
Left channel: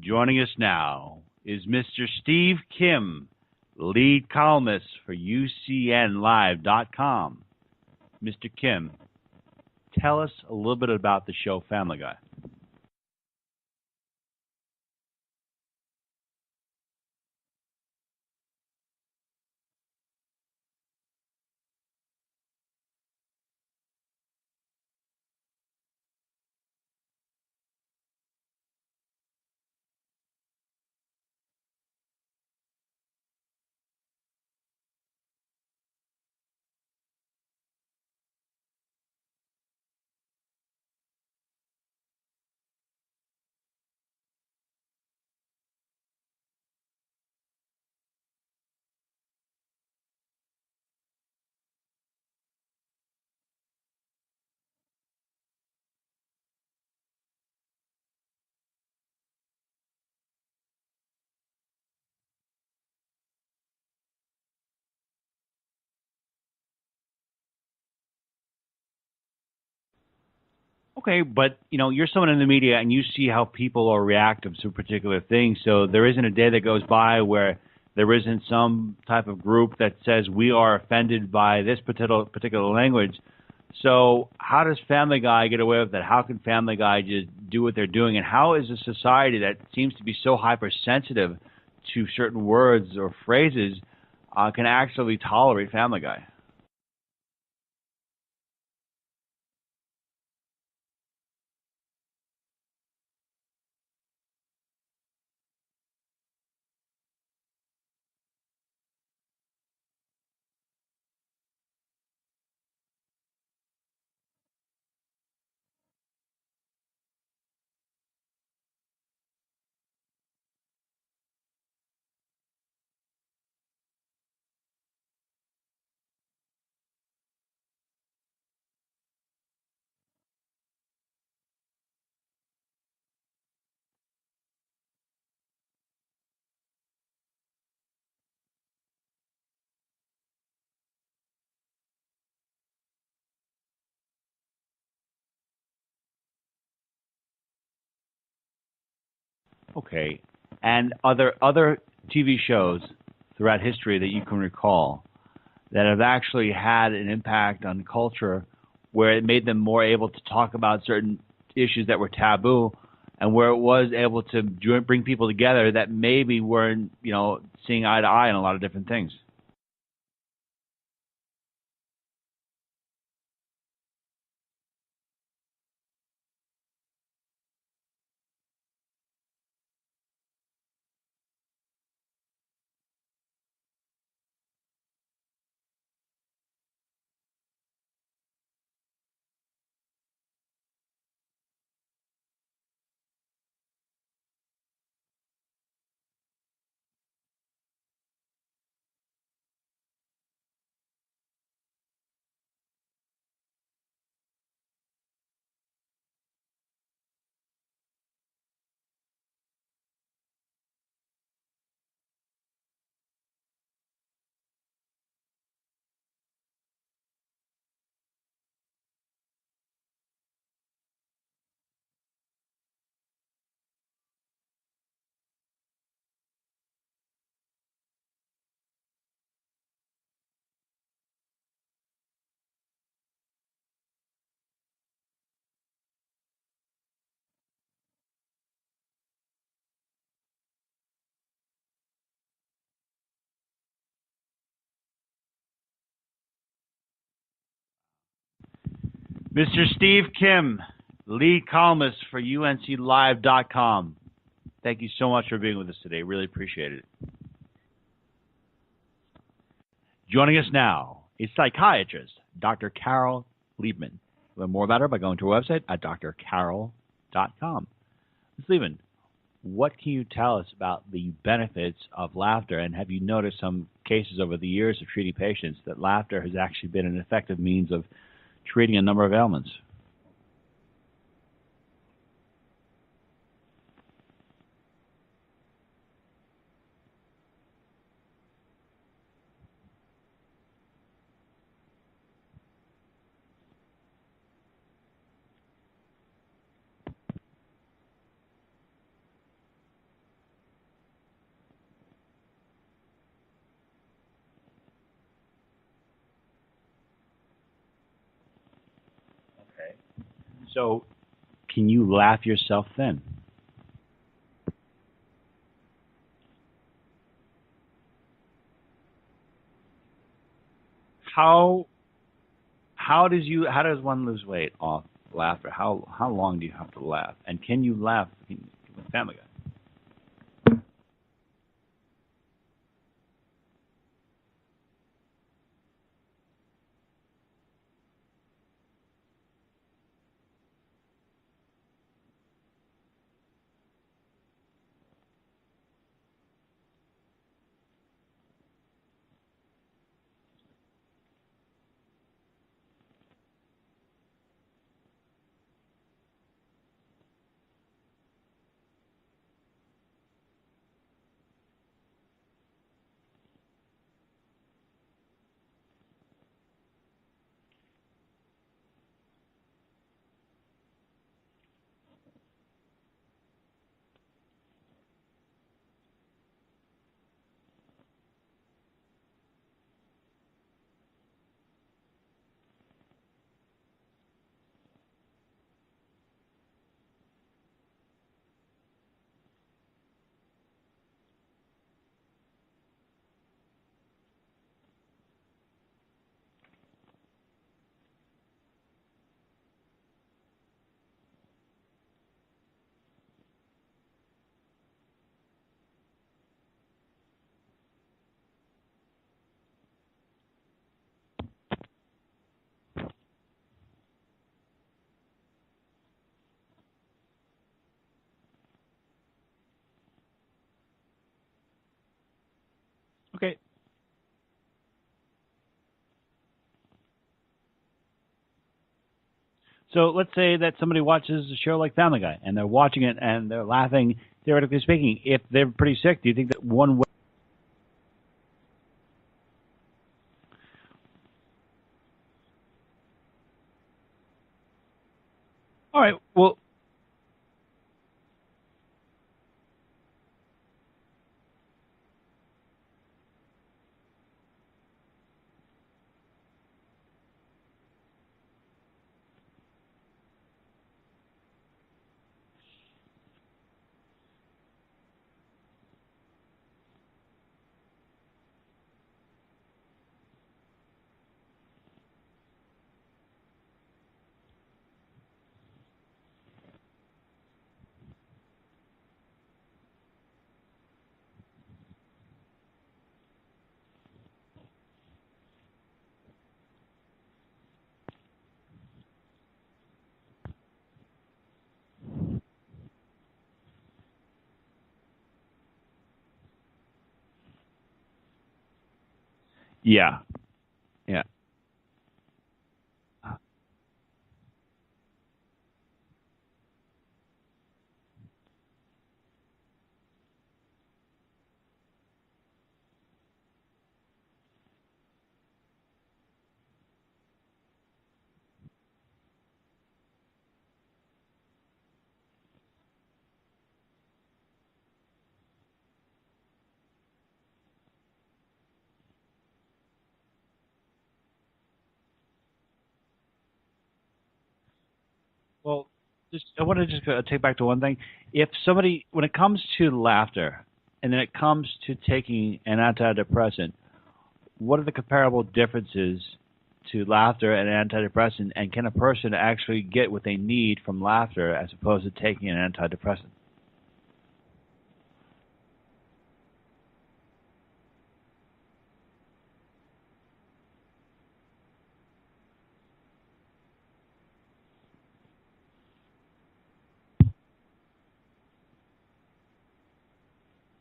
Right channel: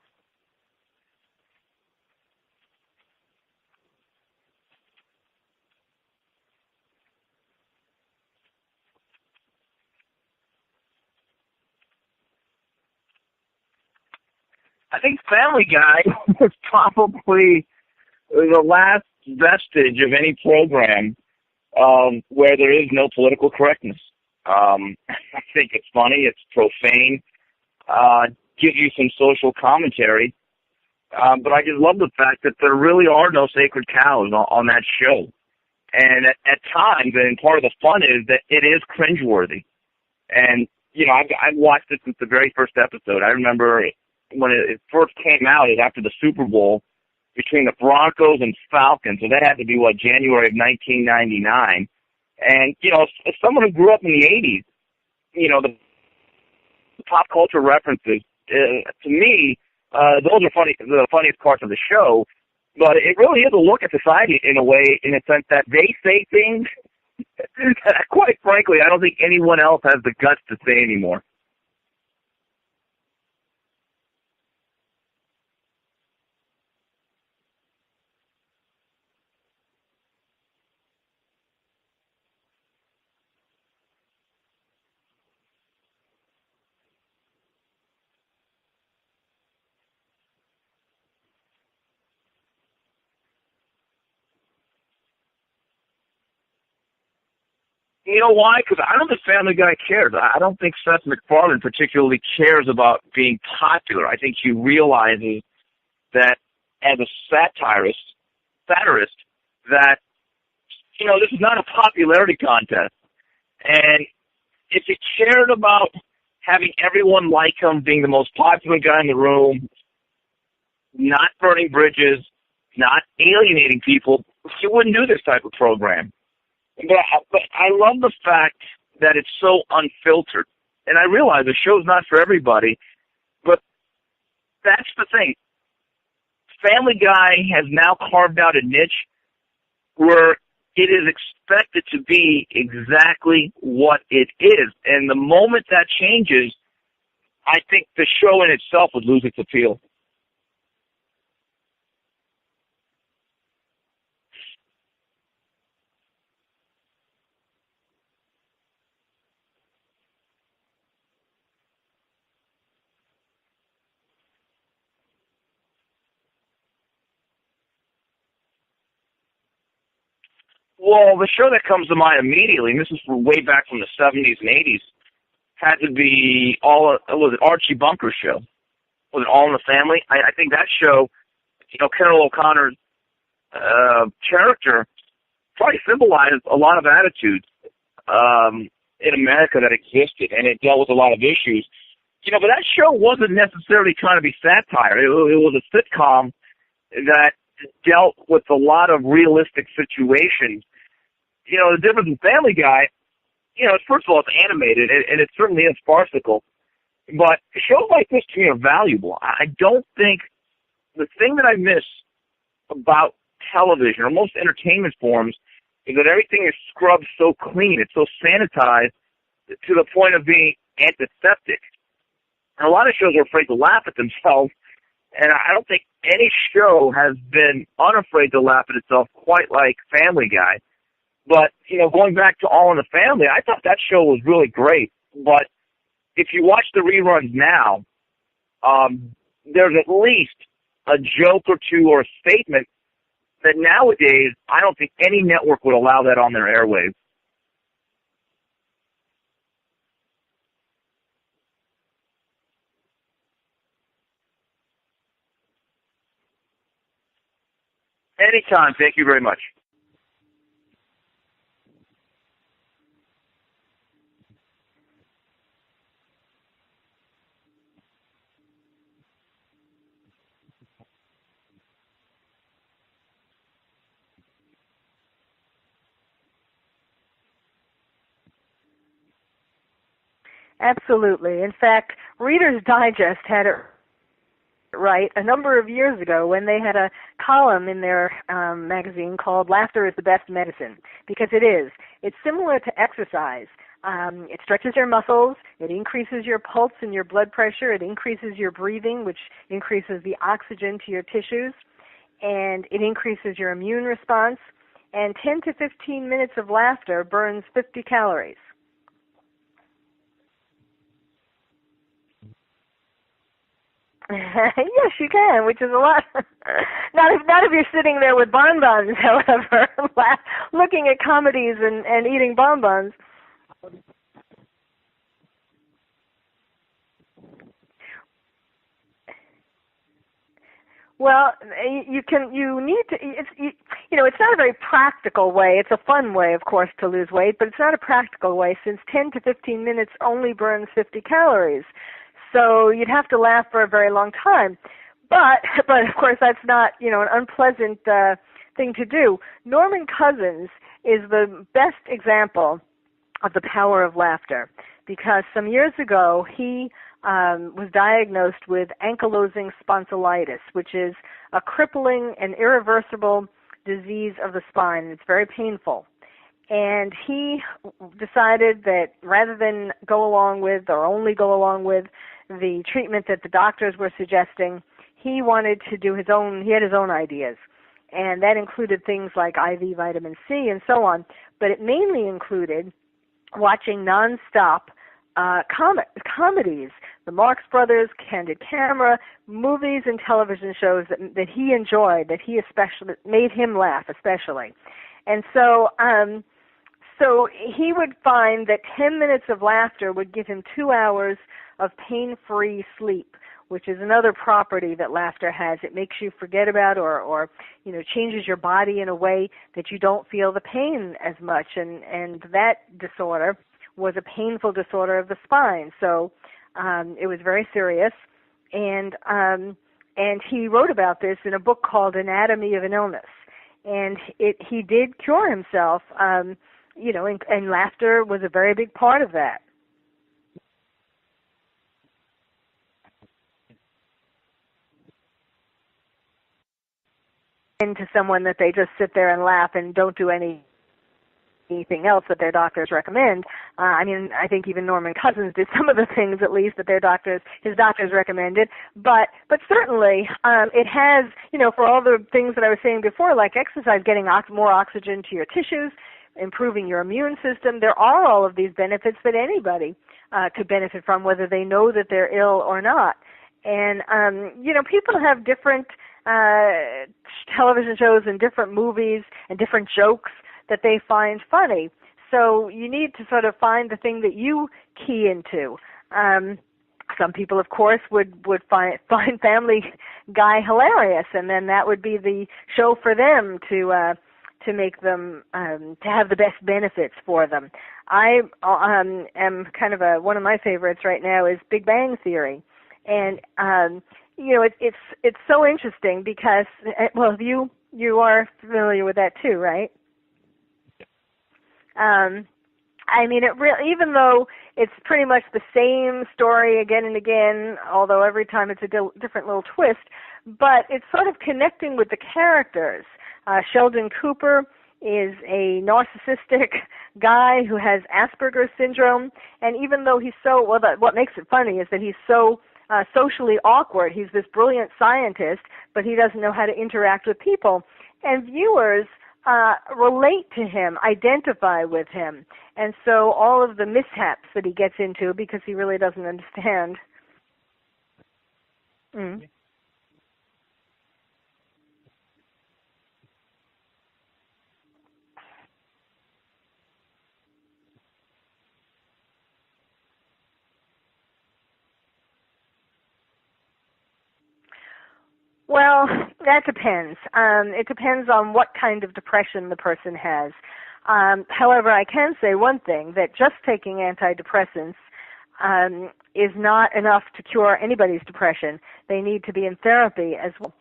Joining us now is Mr. Steve Kim, lead columnist for UCNLive.com. Mr. Kim, tell us a little bit about the show Family Guy. I think Family Guy is probably the last vestige of any program where there is no political correctness. I think it's funny, it's profane, gives you some social commentary, but I just love the fact that there really are no sacred cows on that show. And at times, and part of the fun is that it is cringeworthy. And, I've watched it since the very first episode. I remember when it first came out, it was after the Super Bowl between the Broncos and Falcons. So that had to be, January of 1999. And, as someone who grew up in the 80s, the pop culture references, to me, those are the funniest parts of the show. But it really is a look at society in a way, in a sense that they say things that, quite frankly, I don't think anyone else has the guts to say anymore. Okay, but, you're someone in the media, and you see how people are reactive to particular things. So there isn't a day that goes by where there isn't some type of group that says we are offended by this particular language. So how does Family Guy get away with that? How can Family Guy just do what they're doing? And how is a society that seems to be so hypersensitive to certain words or phrases can actually tolerate Family Guy? You know why? Because I don't think Family Guy cares. I don't think Seth MacFarlane particularly cares about being popular. I think he realizes that as a satirist, that, this is not a popularity contest. And if he cared about having everyone like him, being the most popular guy in the room, not burning bridges, not alienating people, he wouldn't do this type of program. But I love the fact that it's so unfiltered. And I realize the show's not for everybody, but that's the thing. Family Guy has now carved out a niche where it is expected to be exactly what it is. And the moment that changes, I think the show in itself would lose its appeal. Okay. And are there other TV shows throughout history that you can recall that have actually had an impact on culture where it made them more able to talk about certain issues that were taboo and where it was able to bring people together that maybe weren't, seeing eye to eye on a lot of different things? Well, the show that comes to mind immediately, and this is way back from the 70s and 80s, had to be Archie Bunker's show. Was it All in the Family? I think that show, Carol O'Connor's character probably symbolized a lot of attitudes in America that existed, and it dealt with a lot of issues. But that show wasn't necessarily trying to be satire. It was a sitcom that dealt with a lot of realistic situations. The difference in Family Guy, first of all, it's animated, and it certainly is farcical. But shows like this to me are valuable. I don't think the thing that I miss about television or most entertainment forms is that everything is scrubbed so clean. It's so sanitized to the point of being antiseptic. And a lot of shows are afraid to laugh at themselves, and I don't think any show has been unafraid to laugh at itself quite like Family Guy. But, going back to All in the Family, I thought that show was really great. But if you watch the reruns now, there's at least a joke or two or a statement that nowadays I don't think any network would allow that on their airwaves. Mr. Steve Kim, lead columnist for UNCLive.com. Thank you so much for being with us today. Really appreciate it. Anytime. Thank you very much. Joining us now is psychiatrist Dr. Carol Liebman. Learn more about her by going to her website at drcarol.com. Ms. Liebman, what can you tell us about the benefits of laughter, and have you noticed some cases over the years of treating patients that laughter has actually been an effective means of treating a number of ailments? Absolutely. In fact, Reader's Digest had it right a number of years ago when they had a column in their magazine called Laughter is the Best Medicine, because it is. It's similar to exercise. It stretches your muscles, it increases your pulse and your blood pressure, it increases your breathing, which increases the oxygen to your tissues, and it increases your immune response. And 10 to 15 minutes of laughter burns 50 calories. Okay. So can you laugh yourself thin? Yes, you can, which is a lot. Not if you're sitting there with bonbons, however, looking at comedies and eating bonbons. How does one lose weight off laughter? How long do you have to laugh? And can you laugh with Family Guy? Well, you need to. It's not a very practical way. It's a fun way, of course, to lose weight, but it's not a practical way since 10 to 15 minutes only burns 50 calories. So you'd have to laugh for a very long time. But of course, that's not, an unpleasant thing to do. Norman Cousins is the best example of the power of laughter, because some years ago he was diagnosed with ankylosing spondylitis, which is a crippling and irreversible disease of the spine. It's very painful. And he decided that rather than go along with, or only go along with, the treatment that the doctors were suggesting, he wanted to do he had his own ideas. And that included things like IV vitamin C and so on. But it mainly included watching nonstop comedies, the Marx Brothers, Candid Camera, movies and television shows that he enjoyed, that he especially made him laugh especially. And so he would find that 10 minutes of laughter would give him 2 hours of pain-free sleep, which is another property that laughter has. It makes you forget about or changes your body in a way that you don't feel the pain as much. And that disorder was a painful disorder of the spine. So it was very serious. And he wrote about this in a book called Anatomy of an Illness. Okay. And he did cure himself, and laughter was a very big part of that. So let's say that somebody watches a show like Family Guy, and they're watching it and they're laughing, theoretically speaking. If they're pretty sick, do you think that one way into someone that they just sit there and laugh and don't do anything else that their doctors recommend? I think even Norman Cousins did some of the things at least that his doctors recommended. But certainly it has, for all the things that I was saying before, like exercise, getting more oxygen to your tissues, improving your immune system. There are all of these benefits that anybody could benefit from, whether they know that they're ill or not. And, people have different television shows and different movies and different jokes that they find funny. So you need to sort of find the thing that you key into. Some people, of course, would find Family Guy hilarious, and then that would be the show for them to make them to have the best benefits for them. I am kind of one of my favorites right now is Big Bang Theory, and it's so interesting because you are familiar with that too, right? Yeah. Even though it's pretty much the same story again and again, although every time it's a different little twist, but it's sort of connecting with the characters. Sheldon Cooper is a narcissistic guy who has Asperger's syndrome, and even though he's what makes it funny is that he's so socially awkward. He's this brilliant scientist, but he doesn't know how to interact with people. And viewers relate to him, identify with him. And so all of the mishaps that he gets into because he really doesn't understand. I want to just take back to one thing. If somebody, when it comes to laughter, and then it comes to taking an antidepressant, what are the comparable differences to laughter and antidepressant, and can a person actually get what they need from laughter as opposed to taking an antidepressant? Well, that depends. It depends on what kind of depression the person has. However, I can say one thing, that just taking antidepressants is not enough to cure anybody's depression. They need to be in therapy as well.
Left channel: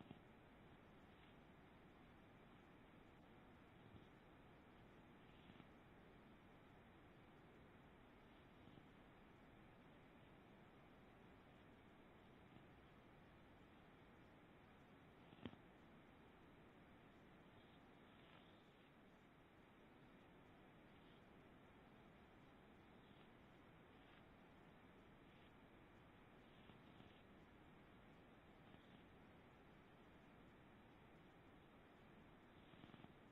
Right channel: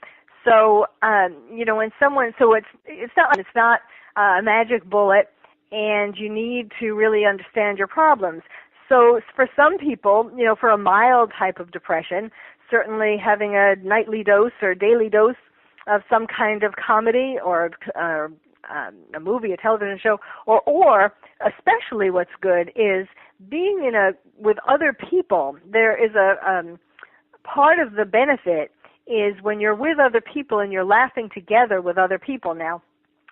So, when someone, so it's not a magic bullet, and you need to really understand your problems. So for some people, for a mild type of depression, certainly having a nightly dose or daily dose of some kind of comedy or a movie, a television show, or especially what's good is being with other people. There is a part of the benefit is when you're with other people and you're laughing together with other people. Now,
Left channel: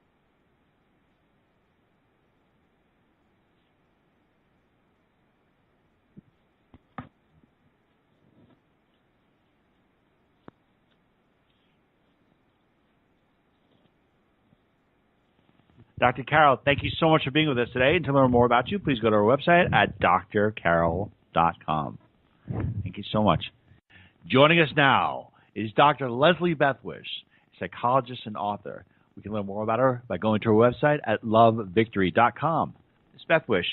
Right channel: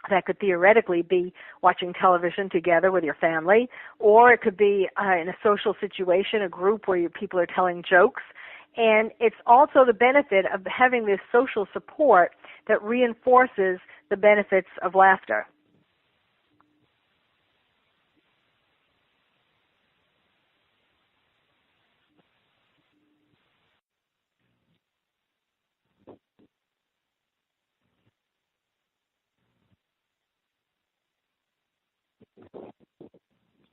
that could theoretically be watching television together with your family, or it could be in a social situation, a group where people are telling jokes. And it's also the benefit of having this social support that reinforces the benefits of laughter. Dr. Carol, thank you so much for being with us today. And to learn more about you, please go to our website at drcarol.com. Thank you so much. Joining us now is Dr. Leslie Bethwish, psychologist and author. We can learn more about her by going to her website at lovevictory.com. Ms. Bethwish,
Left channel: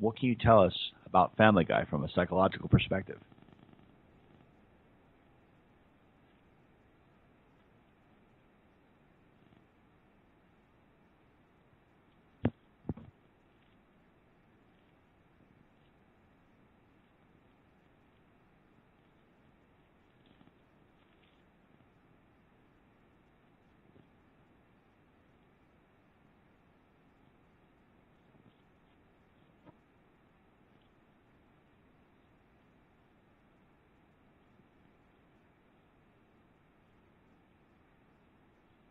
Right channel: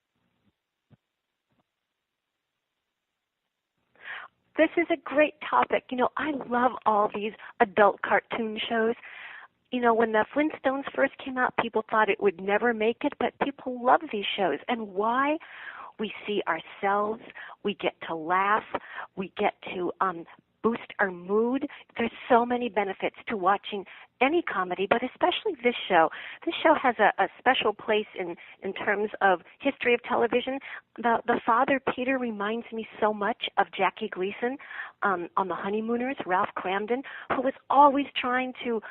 what can you tell us about Family Guy from a psychological perspective? This is a great topic. I love all these adult cartoon shows. When the Flintstones first came out, people thought it would never make it, but people love these shows. And why? We see ourselves. We get to laugh. We get to boost our mood. There's so many benefits to watching any comedy, but especially this show. This show has a special place in terms of history of television. The father, Peter, reminds me so much of Jackie Gleason on The Honeymooners, Ralph Cramden, who was always trying to,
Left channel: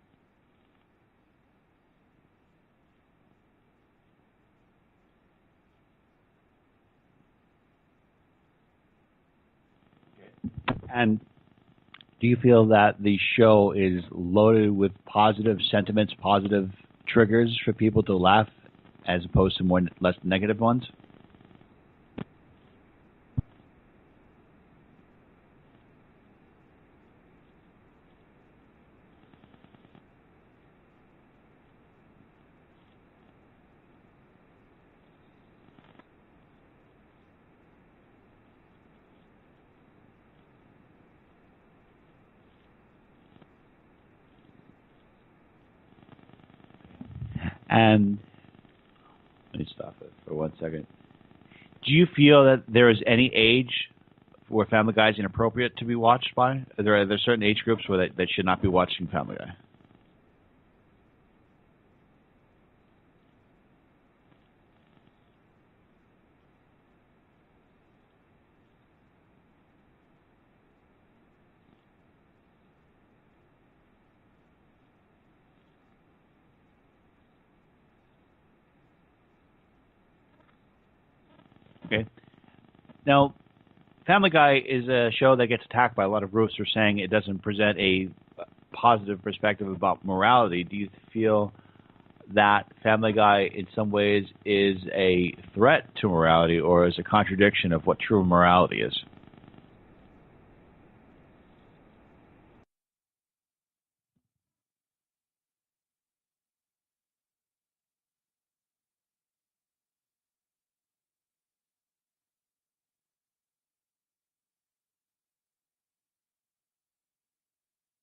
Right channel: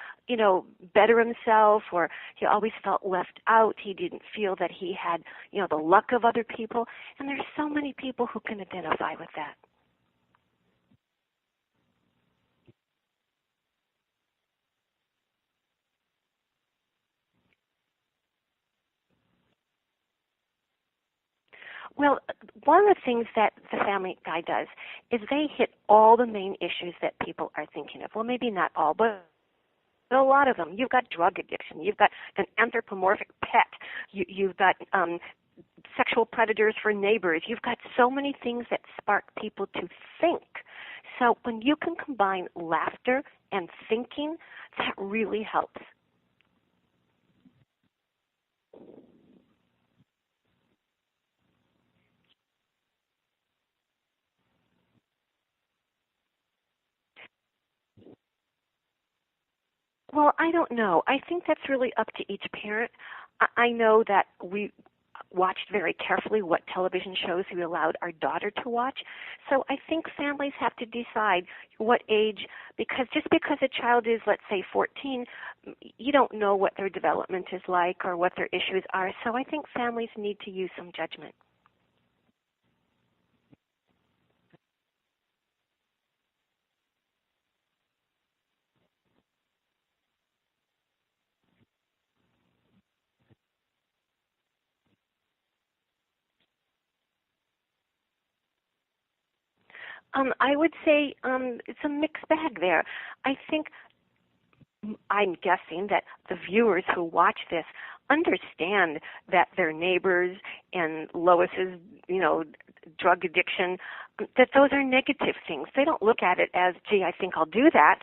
better himself, or he always felt left out. He didn't feel that he had, the luck of other people. And there's so many people who can identify with that. And do you feel that the show is loaded with positive sentiments, positive triggers for people to laugh as opposed to less negative ones? Well, one of the things that the Family Guy does is they hit all the main issues that people are thinking of. Well, maybe not all, but a lot of them. You've got drug addiction. You've got an anthropomorphic pet. You've got sexual predators for neighbors. You've got so many things that spark people to think. So when you can combine laughter and thinking, that really helps. And let me stop it for 1 second. Do you feel that there is any age where Family Guy is inappropriate to be watched by? Are there certain age groups where they should not be watching Family Guy? Well, I don't know. I think that's really up to each parent. I know that we watched very carefully what television shows we allowed our daughter to watch. So I think families have to decide what age, because just because a child is, let's say, 14, you don't know what their development is like or what their issues are. So I think families need to use some judgment. Okay. Now, Family Guy is a show that gets attacked by a lot of groups for saying it doesn't present a positive perspective about morality. Do you feel that Family Guy in some ways is a threat to morality or is a contradiction of what true morality is? I would say it's a mixed bag there. I'm guessing that the viewers who watch this understand that their neighbors and Lois's, drug addiction, that those are negative things. They don't look at it as, gee, I think I'll do that.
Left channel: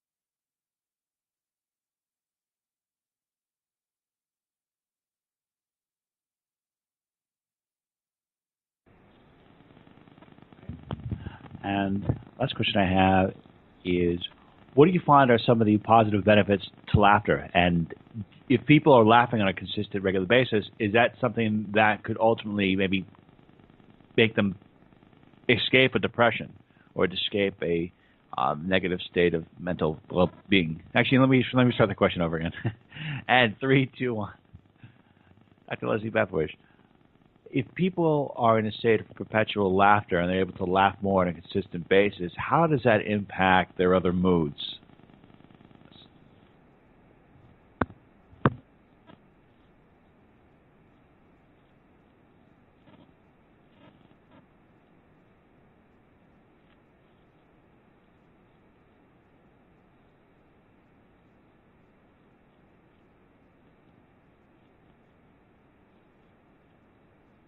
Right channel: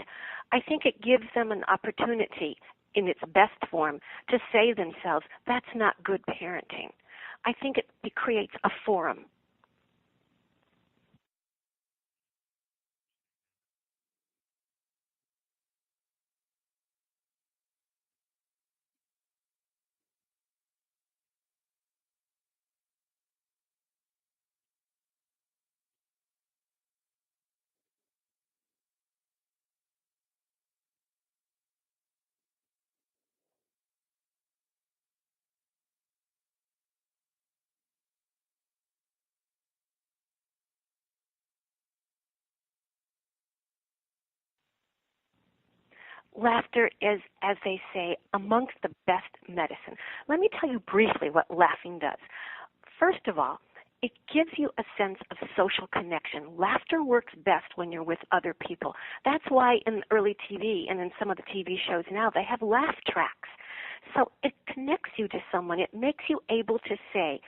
I think it gives them an opportunity in its best form to say themselves, that's not good parenting. I think it creates a forum. And last question I have is, what do you find are some of the positive benefits to laughter? And if people are laughing on a consistent, regular basis, is that something that could ultimately maybe make them escape a depression? or to escape a negative state of mental well-being. Actually, let me start the question over again. And 3, 2, 1. Dr. Leslie Bethwish, if people are in a state of perpetual laughter and they're able to laugh more on a consistent basis, how does that impact their other moods? Laughter is, as they say, amongst the best medicine. Let me tell you briefly what laughing does. First of all, it gives you a sense of social connection. Laughter works best when you're with other people. That's why in early TV and in some of the TV shows now, they have laugh tracks. So it connects you to someone. It makes you able to say,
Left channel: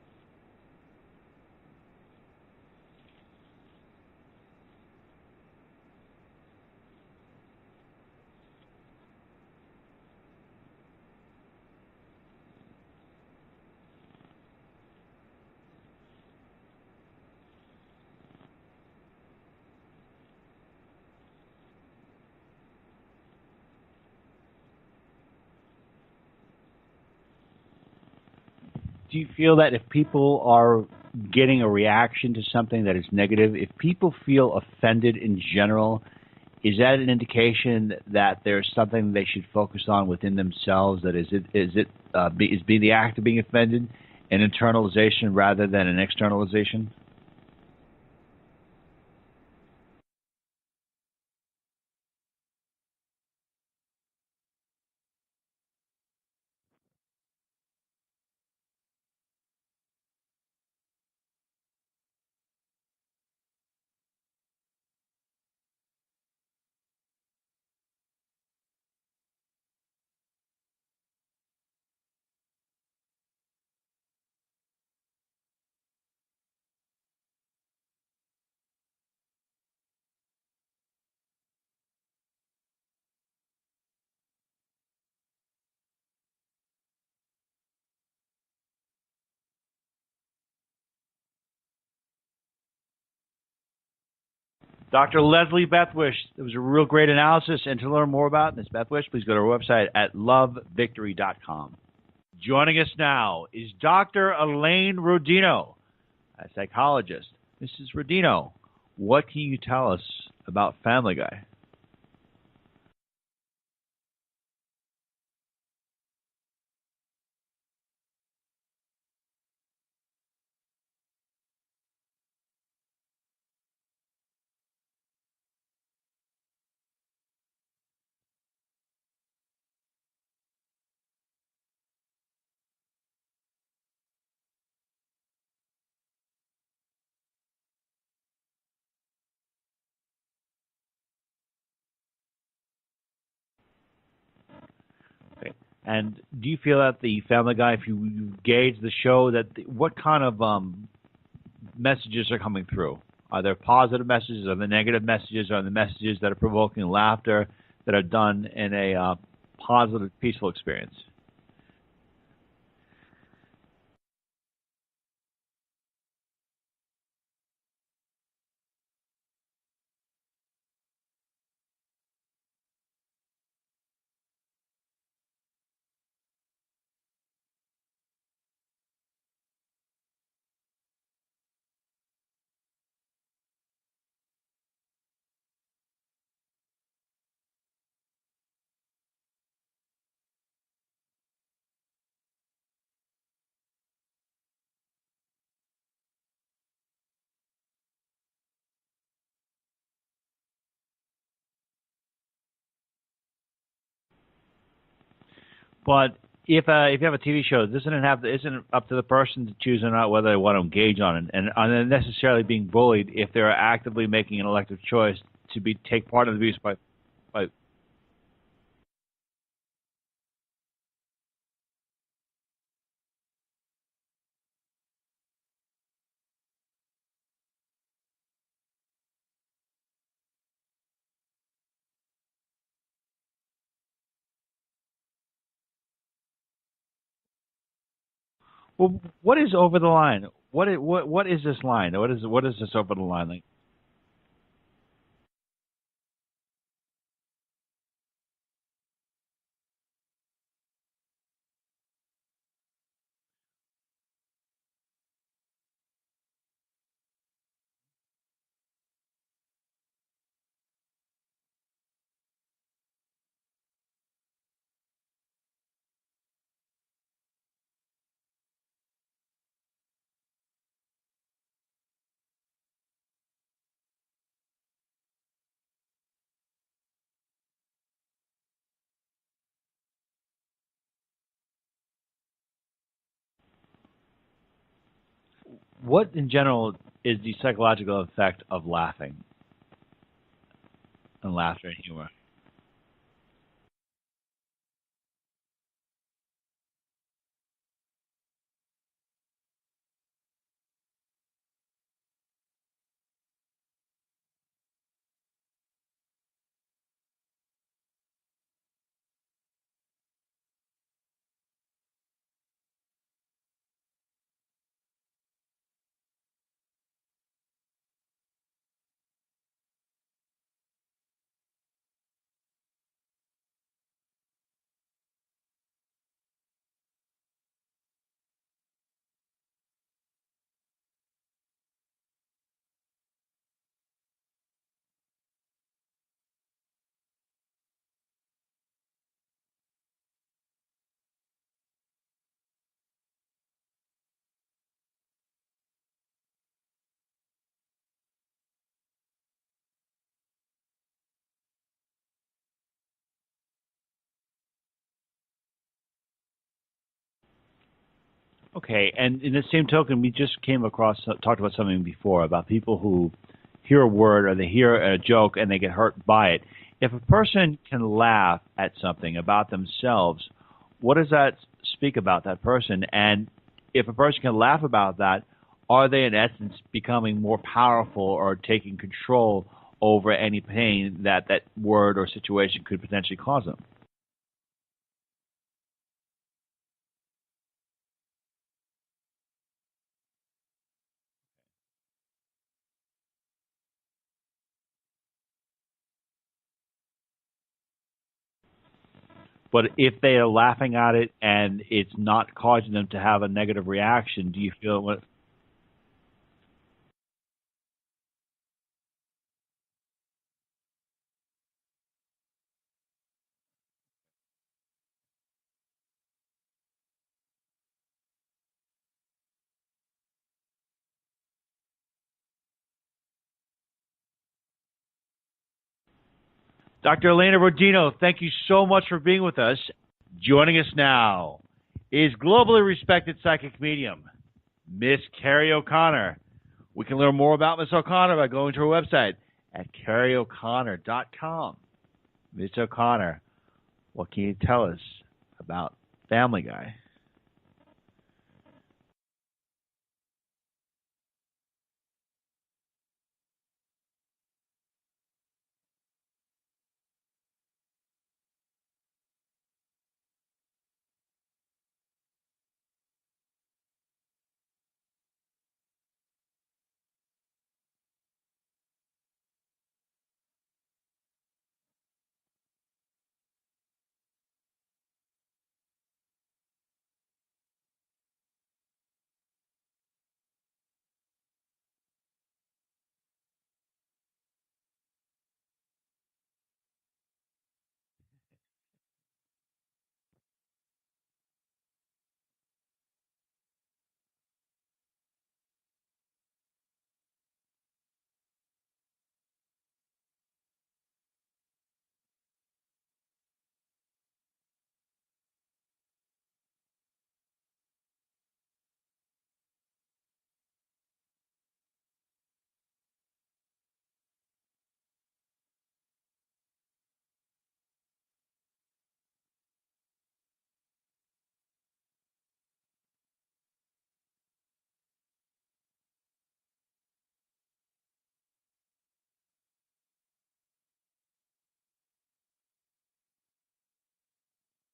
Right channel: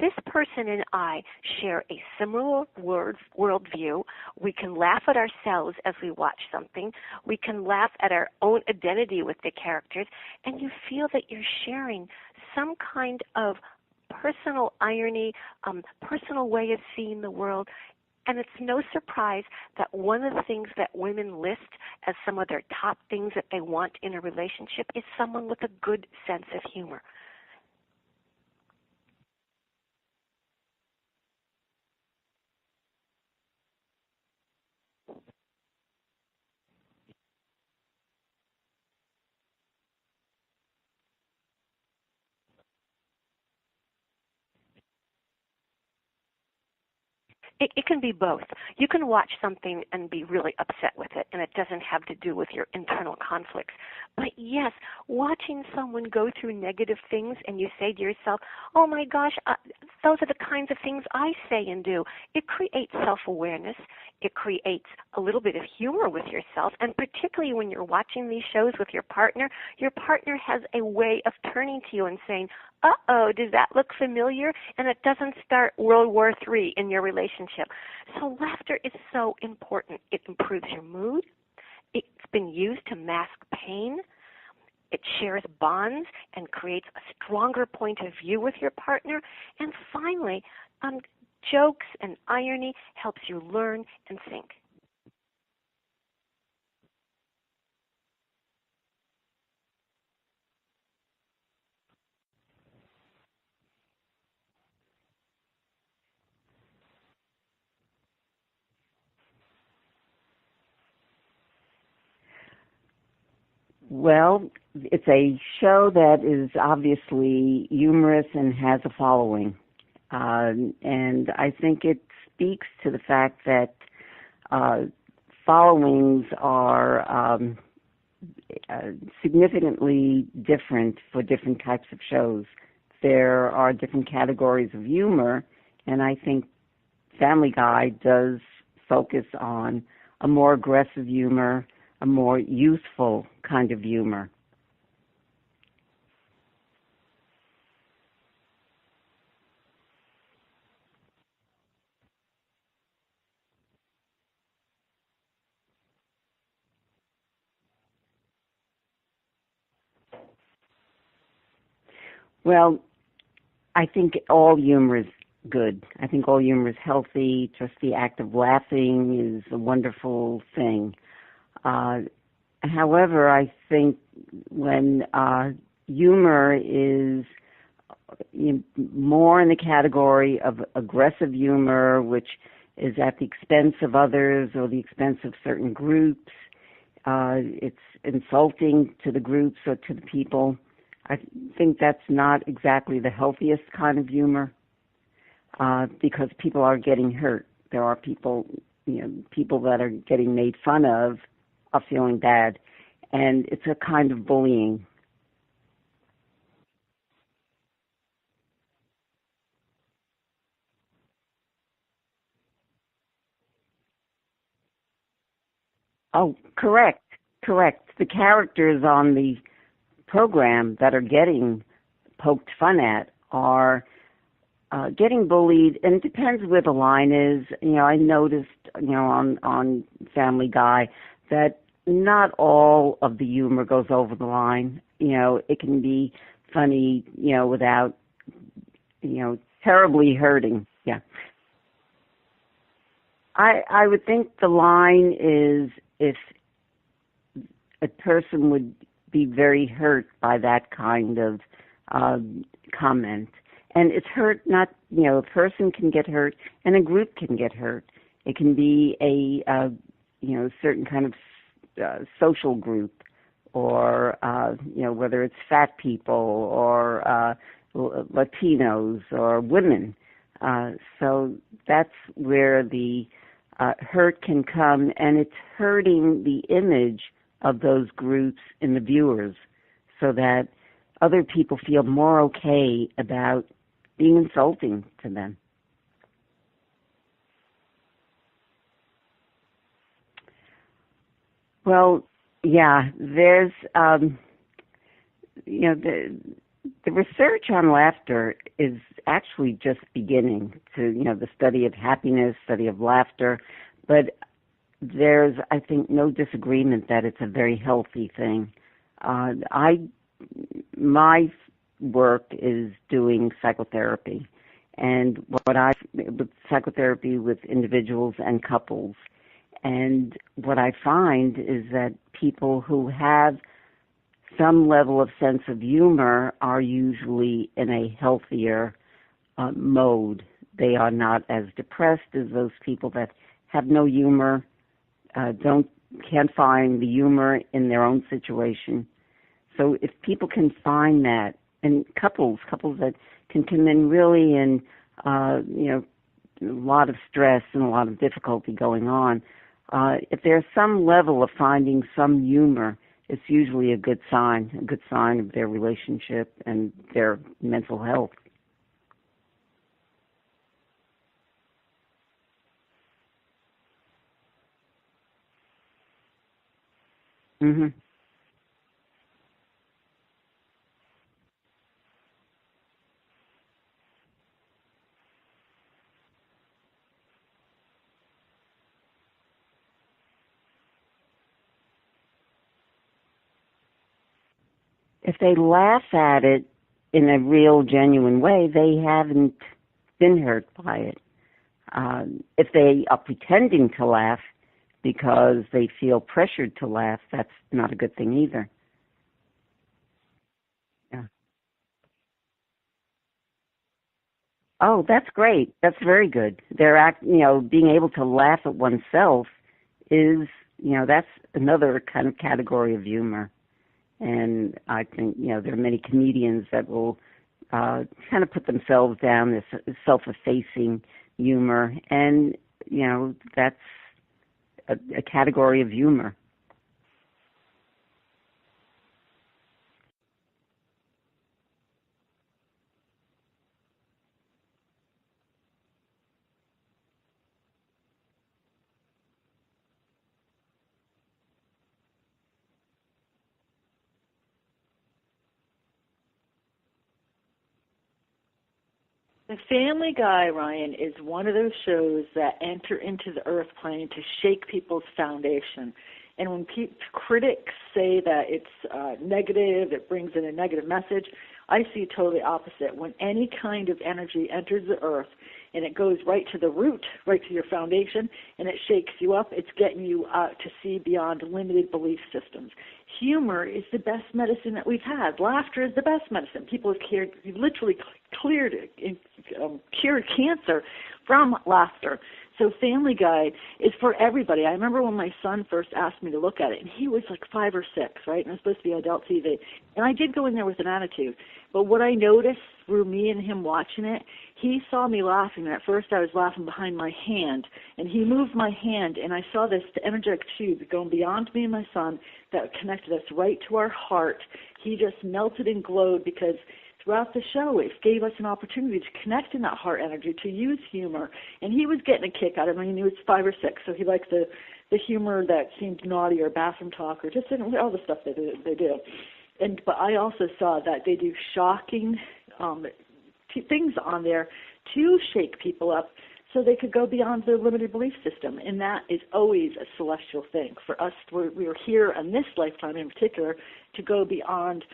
this person and I share a similar worldview. We can laugh at ourselves as we watch something. We can laugh at our own identity with the characters. And you feel that you're sharing some kind of personal irony, personal way of seeing the world. And it's no surprise that one of the things that women list as some of their top things that they want in a relationship is someone with a good sense of humor. Do you feel that if people are getting a reaction to something that is negative, if people feel offended in general, is that an indication that there's something they should focus on within themselves? That is being the act of being offended an internalization rather than an externalization? It can be both. You can watch something and be really upset with it, and it doesn't have to do with your internal conflicts. But yes, watching someone go through negative things and you say to yourself, oh my gosh, those are the kinds of things I say and do. It creates self-awareness. It creates a little bit of humor with yourself, and particularly when you're watching these shows with your partner has a way of turning to you and saying, uh-oh, does that look familiar? And it doesn't start World War III in your relationship. So laughter is so important. It improves your mood. It's been used to mask pain. It shares bonds and creates a stronger point of view with your partner. And finally, jokes and irony helps you learn and think. Dr. Leslie Bethwish, it was a real great analysis. And to learn more about Ms. Bethwish, please go to our website at lovevictory.com. Joining us now is Dr. Elaine Rodino, a psychologist. Mrs. Rodino, what can you tell us about Family Guy? Well, it's a show that is obviously humorous and has a following. And I think it speaks to the fact that followings are significantly different for different types of shows. There are different categories of humor, and I think Family Guy does focus on a more aggressive humor, a more youthful kind of humor. Okay. And do you feel that the Family Guy, if you gauge the show, that what kind of messages are coming through? Are there positive messages? Are there negative messages? Are there messages that are provoking laughter that are done in a positive, peaceful experience? Well, I think all humor is good. I think all humor is healthy. Just the act of laughing is a wonderful thing. However, I think when humor is more in the category of aggressive humor, which is at the expense of others or the expense of certain groups, it's insulting to the groups or to the people. I think that's not exactly the healthiest kind of humor because people are getting hurt. There are people that are getting made fun of are feeling bad, and it's a kind of bullying. But if you have a TV show, isn't it up to the person to choose or not whether they want to engage on it, and are they necessarily being bullied if they're actively making an elective choice to take part in the abuse? Correct. Correct. The characters on the program that are getting poked fun at are getting bullied, and it depends where the line is. I noticed, on Family Guy that not all of the humor goes over the line. It can be funny, without what is over terribly the line? Hurting. What is this line? What is this over the line? I would think the line is if a person would be very hurt by that kind of comment. And it's hurt not, a person can get hurt and a group can get hurt. It can be a certain kind of social group, or whether it's fat people or Latinos or women. So that's where the hurt can come, and it's hurting the image of those groups in the viewers, so that other people feel more okay about being insulting to them. What, in general, is the psychological effect of laughing and laughter? Well, yeah, there's, the research on laughter is actually just beginning to, the study of happiness, study of laughter, but there's, I think, no disagreement that it's a very healthy thing. My work is doing psychotherapy, and with psychotherapy with individuals and couples, and what I find is that people who have some level of sense of humor are usually in a healthier mode. They are not as depressed as those people that have no humor, can't find the humor in their own situation. So if people can find that, and couples that can come in really in a lot of stress and a lot of difficulty going on, if there's some level of finding some humor, it's usually a good sign of their relationship and their mental health. Okay, and in the same token, we just talked about something before about people who hear a word or they hear a joke and they get hurt by it. If a person can laugh at something about themselves, what does that speak about that person? And if a person can laugh about that, are they in essence becoming more powerful or taking control over any pain that word or situation could potentially cause them? If they laugh at it in a real, genuine way, they haven't been hurt by it. If they are pretending to laugh because they feel pressured to laugh, that's not a good thing either. But if they are laughing at it and it's not causing them to have a negative reaction, do you feel? That's great. That's very good. Being able to laugh at oneself is, that's another kind of category of humor. And I think, there are many comedians that will kind of put themselves down, this self-effacing humor. And, that's a category of humor. Dr. Elena Rodino, thank you so much for being with us. Joining us now is globally respected psychic medium, Miss Carrie O'Connor. We can learn more about Miss O'Connor by going to her website at carrieoconnor.com. Miss O'Connor, what can you tell us about Family Guy? The Family Guy, Ryan, is one of those shows that enter into the earth plane to shake people's foundation. And when critics say that it's negative, it brings in a negative message, I see totally opposite. When any kind of energy enters the earth and it goes right to the root, right to your foundation, and it shakes you up, it's getting you to see beyond limited belief systems. Humor is the best medicine that we've had. Laughter is the best medicine. People have literally cured cancer from laughter. So Family Guy is for everybody. I remember when my son first asked me to look at it, and he was like 5 or 6, right? And it was supposed to be adult TV. And I did go in there with an attitude. But what I noticed through me and him watching it, he saw me laughing, and at first I was laughing behind my hand. And he moved my hand, and I saw this energetic tube going beyond me and my son that connected us right to our heart. He just melted and glowed because throughout the show, it gave us an opportunity to connect in that heart energy, to use humor. And he was getting a kick out of it. I mean, he was 5 or 6, so he liked the humor that seemed naughty or bathroom talk or just all the stuff that they do. But I also saw that they do shocking things on there to shake people up so they could go beyond their limited belief system. And that is always a celestial thing. For us, we were here in this lifetime in particular to go beyond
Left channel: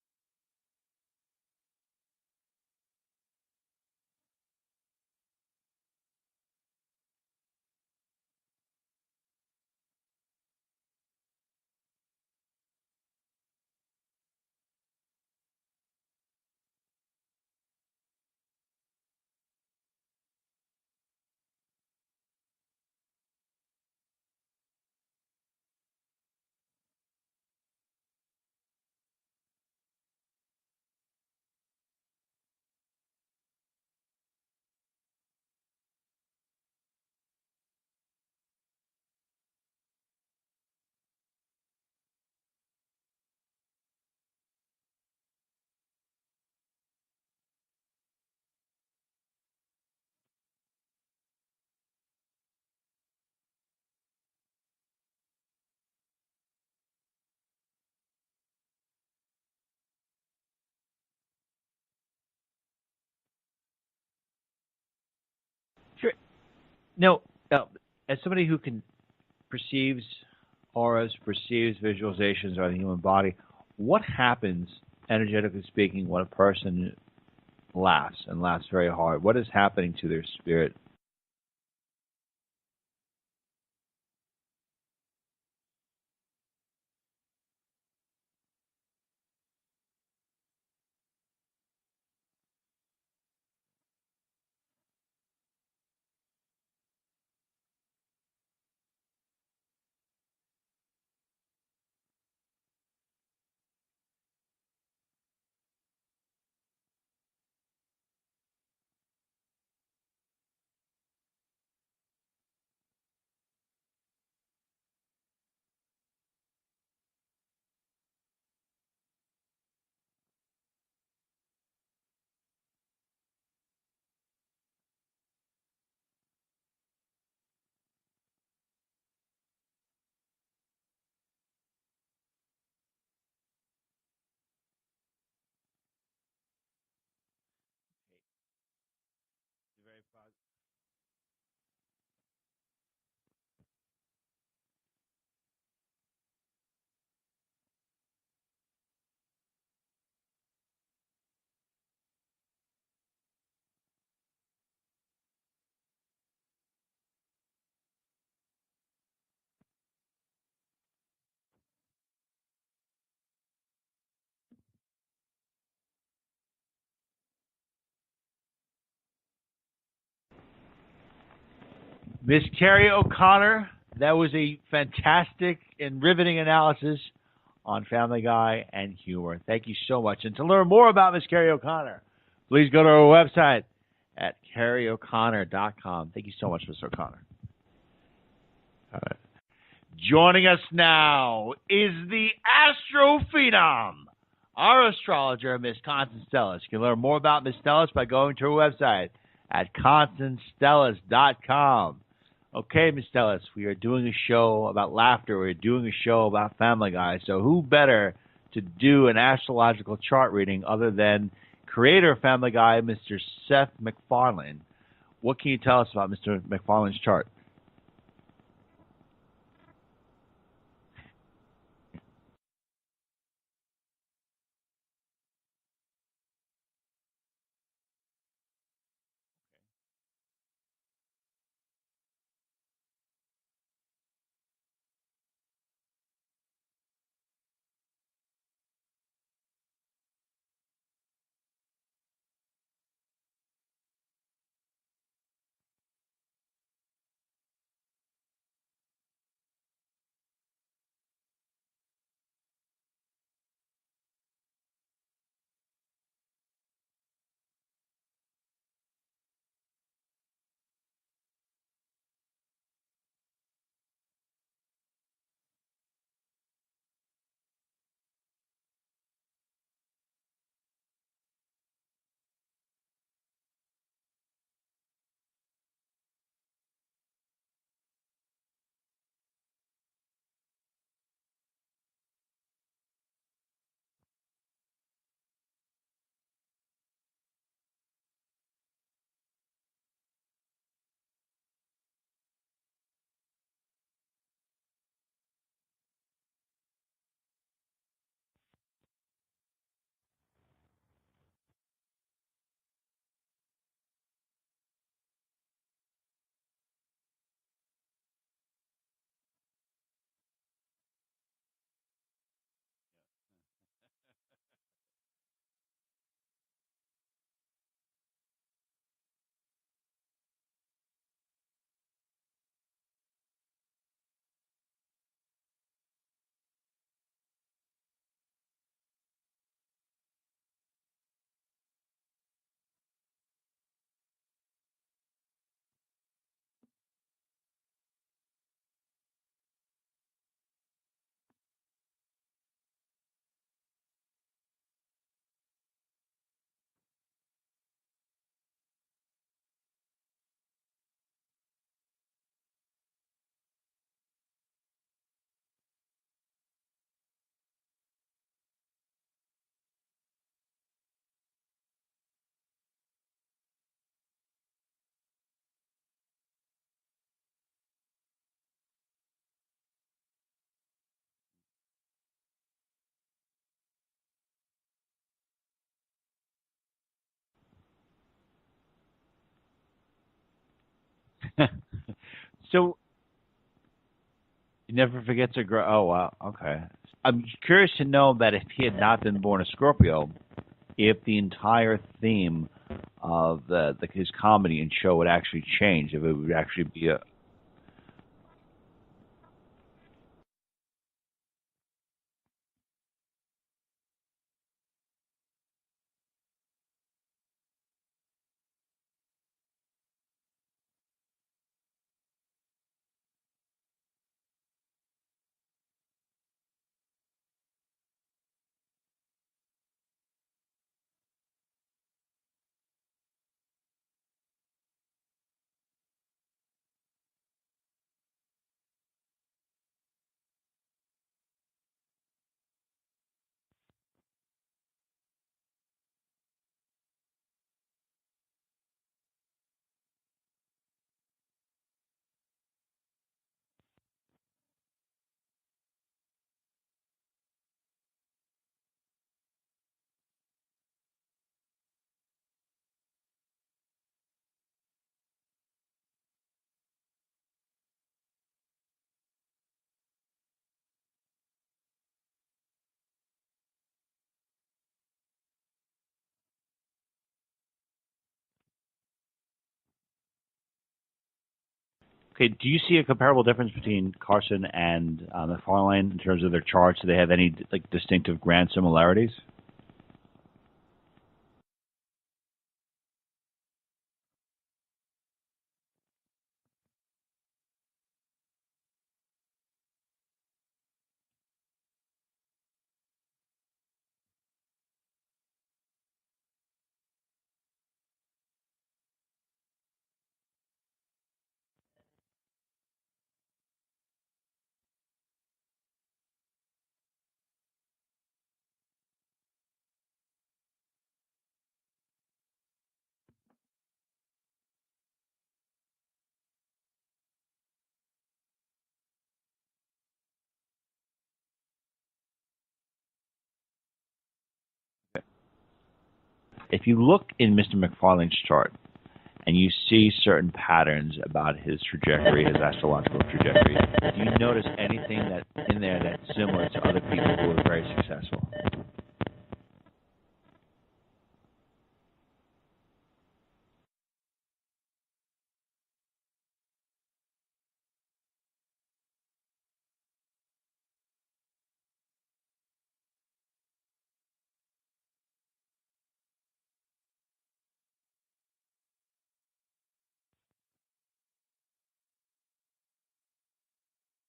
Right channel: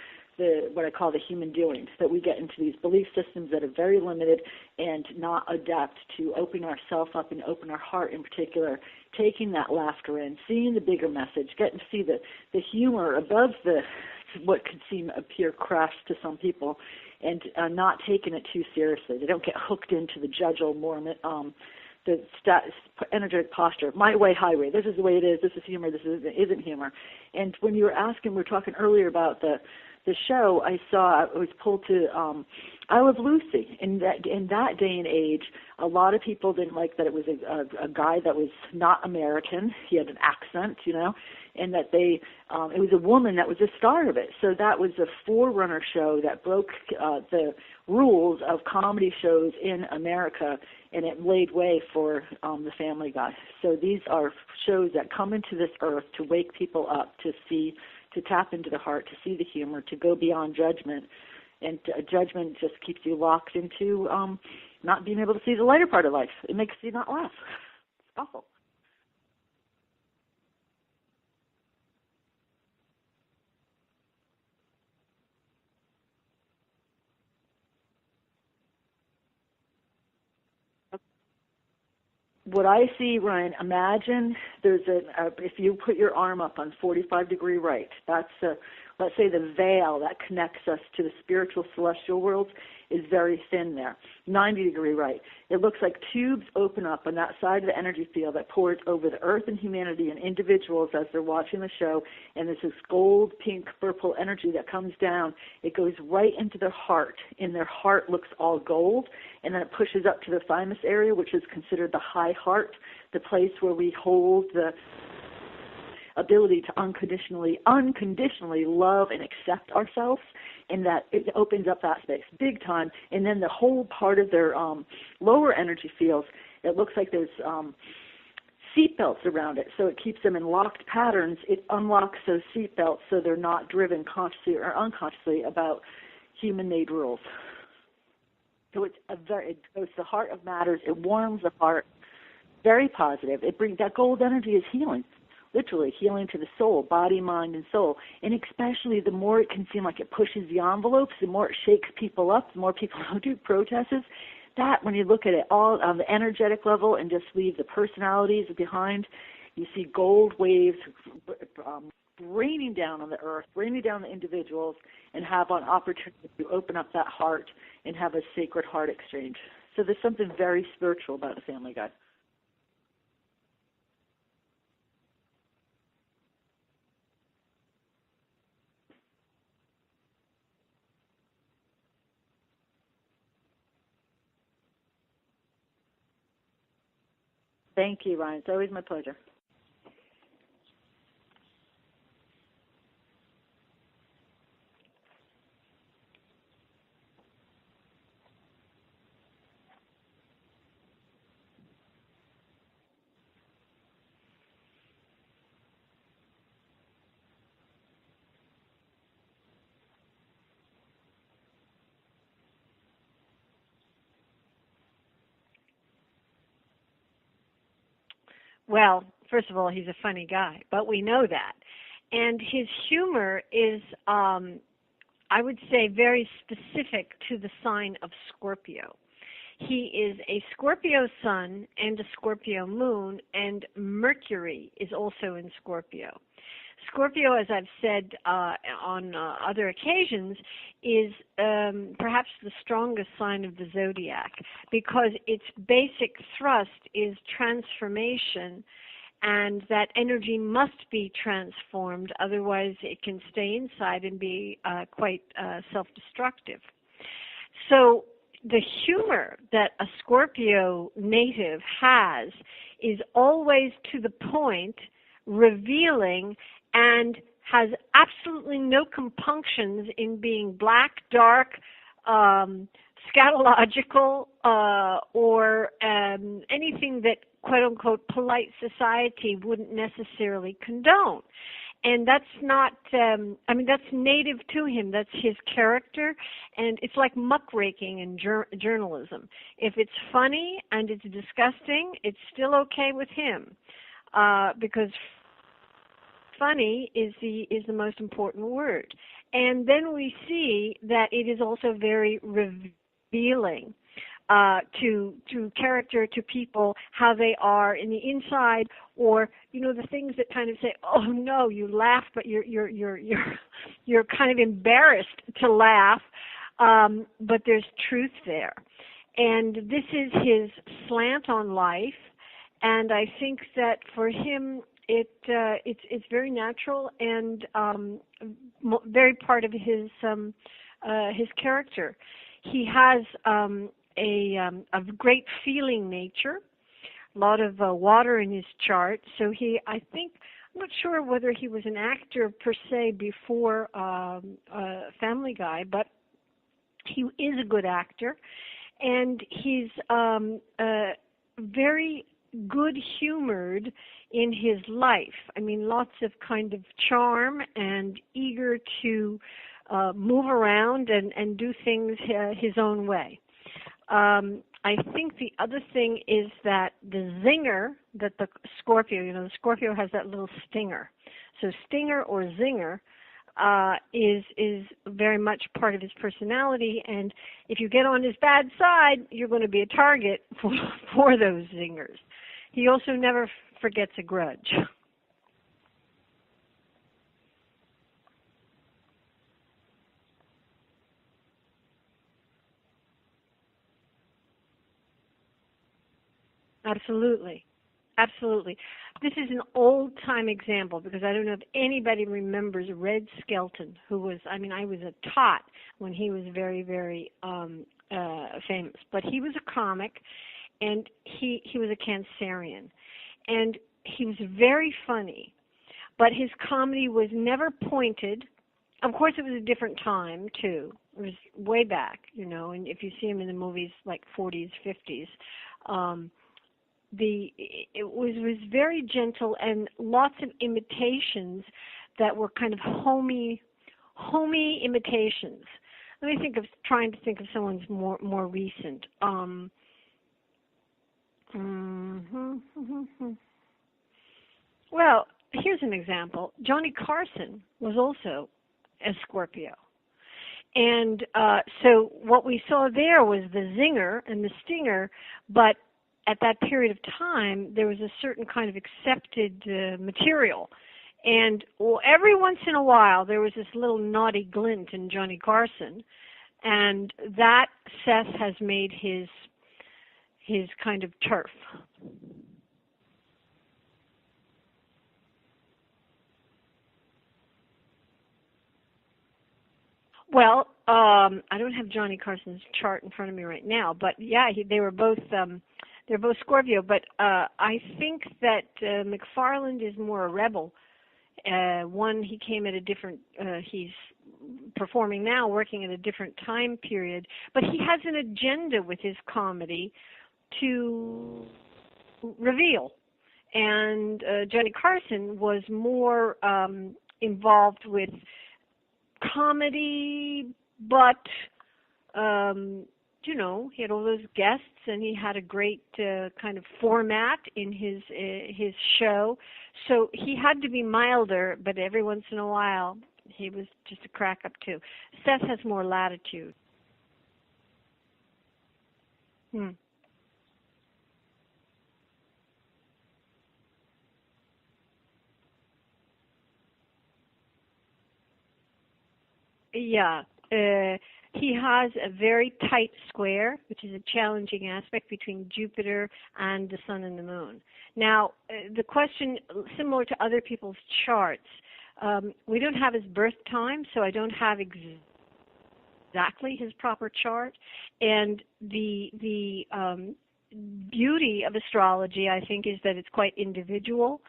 what I call the human doings, that we get into these belief systems that are very limited and not adapt to open ourselves up and open our heart in particular, taking that laughter in, seeing the bigger message, getting to see the humor above what could appear crass to some people, and not taking it too seriously. They don't get hooked into the judgmental energetic posture, my way, highway. This is the way it is. This is humor. This isn't humor. And when you were asking, we were talking earlier about the show. I was pulled to I Love Lucy. In that day and age, a lot of people didn't like that it was a guy that was not American. He had an accent, and that it was a woman that was the star of it. So that was a forerunner show that broke the rules of comedy shows in America, and it laid way for the Family Guy. So these are shows that come into this earth to wake people up, to tap into the heart, to see the humor, to go beyond judgment. And judgment just keeps you locked into not being able to see the lighter part of life. It makes you not laugh. No. As somebody who perceives auras, perceives visualizations of the human body, what happens, energetically speaking, when a person laughs and laughs very hard? What is happening to their spirit? What I see, Ryan, imagine there's if you put your arm up on 45-degree right, that's let's say the veil that connects us to the spiritual celestial worlds is very thin there. 90-degree right. It looks like tubes open up on that side of the energy field that pours over the earth and humanity and individuals as they're watching the show, and there's this gold, pink, purple energy that comes down. It goes right into their heart, and their heart looks all gold, and then it pushes up to the thymus area, which is considered the high heart, the place where we hold the ability to unconditionally love and accept ourselves, and that it opens up that space big time. And then the whole part of their lower energy fields, it looks like there's seat belts around it, so it keeps them in locked patterns. It unlocks those seat belts so they're not driven consciously or unconsciously about human-made rules. So it goes to the heart of matters. It warms the heart. Very positive. It brings that gold energy is healing. Literally healing to the soul, body, mind, and soul. And especially the more it can seem like it pushes the envelopes, the more it shakes people up, the more people do protests. That, when you look at it all on the energetic level and just leave the personalities behind, you see gold waves raining down on the earth, raining down the individuals, and have an opportunity to open up that heart and have a sacred heart exchange. So there's something very spiritual about the Family Guy. Miss Carrie O'Connor, that was a fantastic and riveting analysis on Family Guy and humor. Thank you so much. And to learn more about Miss Carrie O'Connor, please go to our website at carrieoconnor.com. Thank you so much, Miss O'Connor. Thank you, Ryan. It's always my pleasure. Joining us now is the Astro Phenom, our astrologer, Miss Constance Stellis. You can learn more about Miss Stellis by going to her website at constancestellis.com. Okay, Ms. Stellis, we are doing a show about laughter. We're doing a show about Family Guy. So who better to do an astrological chart reading other than creator of Family Guy, Mr. Seth MacFarlane? What can you tell us about Mr. MacFarlane's chart? Well, first of all, he's a funny guy, but we know that. And his humor is, I would say, very specific to the sign of Scorpio. He is a Scorpio sun and a Scorpio moon, and Mercury is also in Scorpio. Scorpio, as I've said on other occasions, is perhaps the strongest sign of the zodiac because its basic thrust is transformation, and that energy must be transformed, otherwise it can stay inside and be quite self-destructive. So the humor that a Scorpio native has is always to the point, revealing, and has absolutely no compunctions in being black, dark, scatological, or anything that, quote-unquote, polite society wouldn't necessarily condone. And that's not, that's native to him. That's his character. And it's like muckraking in journalism. If it's funny and it's disgusting, it's still okay with him. Because funny is the most important word. And then we see that it is also very revealing to character, to people, how they are in the inside, or the things that kind of say, oh no, you laugh, but you're kind of embarrassed to laugh, but there's truth there. And this is his slant on life, and I think that for him it's very natural and very part of his character. He has a great feeling nature, a lot of water in his chart. So I'm not sure whether he was an actor per se before Family Guy, but he is a good actor, and he's very good-humored in his life. I mean, lots of kind of charm and eager to move around and do things his own way. I think the other thing is that the zinger that the Scorpio, the Scorpio has that little stinger. So stinger or zinger is very much part of his personality, and if you get on his bad side, you're going to be a target for those zingers. So he also never forgets a grudge. Never forgets a grudge. Oh, wow. Okay. I'm curious to know that if he had not been born a Scorpio, if the entire theme of his comedy and show would actually change, if it would actually be Absolutely. This is an old-time example because I don't know if anybody remembers Red Skelton, who was, I was a tot when he was very, very famous. But he was a comic, and he was a Cancerian. And he was very funny, but his comedy was never pointed. Of course, it was a different time, too. It was way back, and if you see him in the movies like 40s, 50s, it was very gentle and lots of imitations that were kind of homey imitations. Let me trying to think of someone's more recent. Well, here's an example. Johnny Carson was also a Scorpio. And so what we saw there was the zinger and the stinger, but at that period of time, there was a certain kind of accepted material. And every once in a while, there was this little naughty glint in Johnny Carson, and that Seth has made his kind of turf. Okay, do you see a comparable difference between Carson and McFarlane in terms of their charts? Do they have any distinctive grand similarities? Well, I don't have Johnny Carson's chart in front of me right now, but yeah, they were both they're both Scorpio. But I think that McFarland is more a rebel. One, he came at a different. He's performing now, working at a different time period, but he has an agenda with his comedy to reveal. And Johnny Carson was more involved with comedy, but he had all those guests, and he had a great kind of format in his show. So he had to be milder, but every once in a while he was just a crack up too. Seth has more latitude. If you look in Mr. McFarlane's chart and you see certain patterns about his trajectory, his astrological trajectory, do you notice anything that's in there that's similar to other people who are very successful? Yeah. He has a very tight square, which is a challenging aspect between Jupiter and the Sun and the Moon. Now, the question, similar to other people's charts, we don't have his birth time, so I don't have exactly his proper chart. And the beauty of astrology, I think, is that it's quite individual,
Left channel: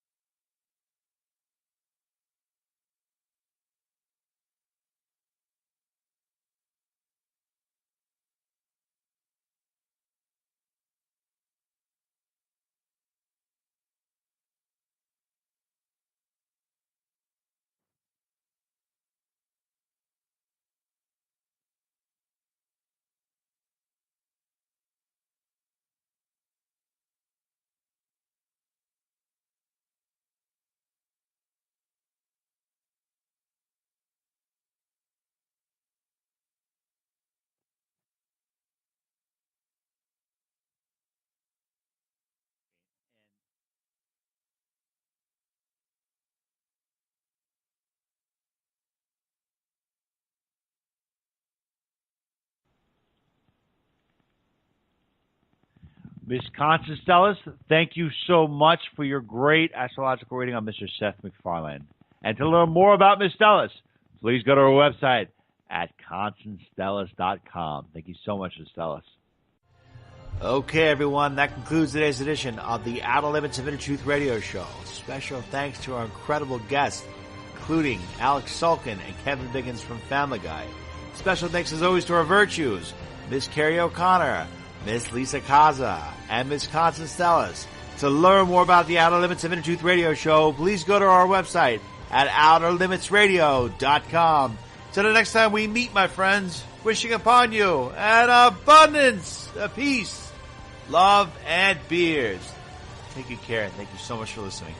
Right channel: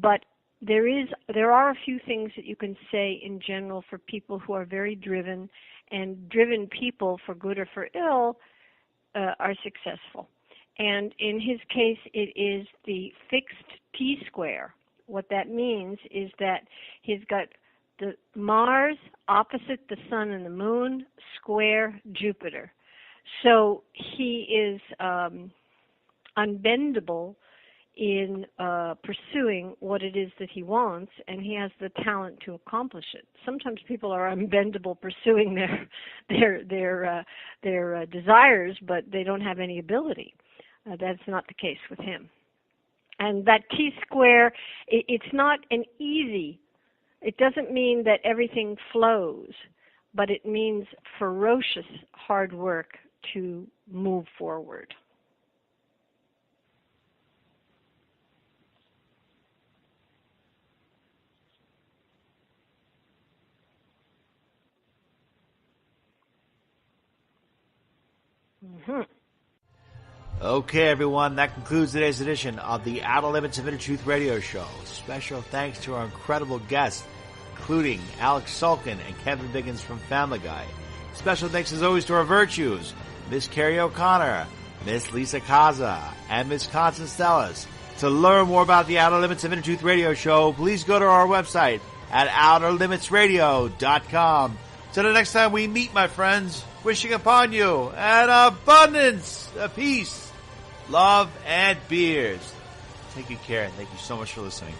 but there are a few things that you can say in general for people who are very driven, and driven people, for good or for ill, are successful. And in his case, it is the fixed T-square. What that means is that he's got the Mars opposite the Sun and the Moon, square Jupiter. So he is unbendable in pursuing what it is that he wants, and he has the talent to accomplish it. Sometimes people are unbendable pursuing their desires, but they don't have any ability. That's not the case with him. And that T-square, it's not an easy. It doesn't mean that everything flows, but it means ferocious hard work to move forward. Miss Constance Stellis, thank you so much for your great astrological reading on Mr. Seth MacFarlane. And to learn more about Miss Stellis, please go to our website at ConstanceStellis.com. Thank you so much, Miss Stellis. Okay, everyone, that concludes today's edition of the Outer Limits of Inner Truth Radio Show. Special thanks to our incredible guests, including Alex Sulkin and Kevin Biggins from Family Guy. Special thanks, as always, to our virtues, Miss Carrie O'Connor, Miss Lisa Kaza, and Miss Constance Stellis. To learn more about the Outer Limits of Inner Truth Radio Show, please go to our website at OuterLimitsRadio.com. Till the next time we meet, my friends, wishing upon you an abundance of peace, love, and beers. Take good care, and thank you so much for listening.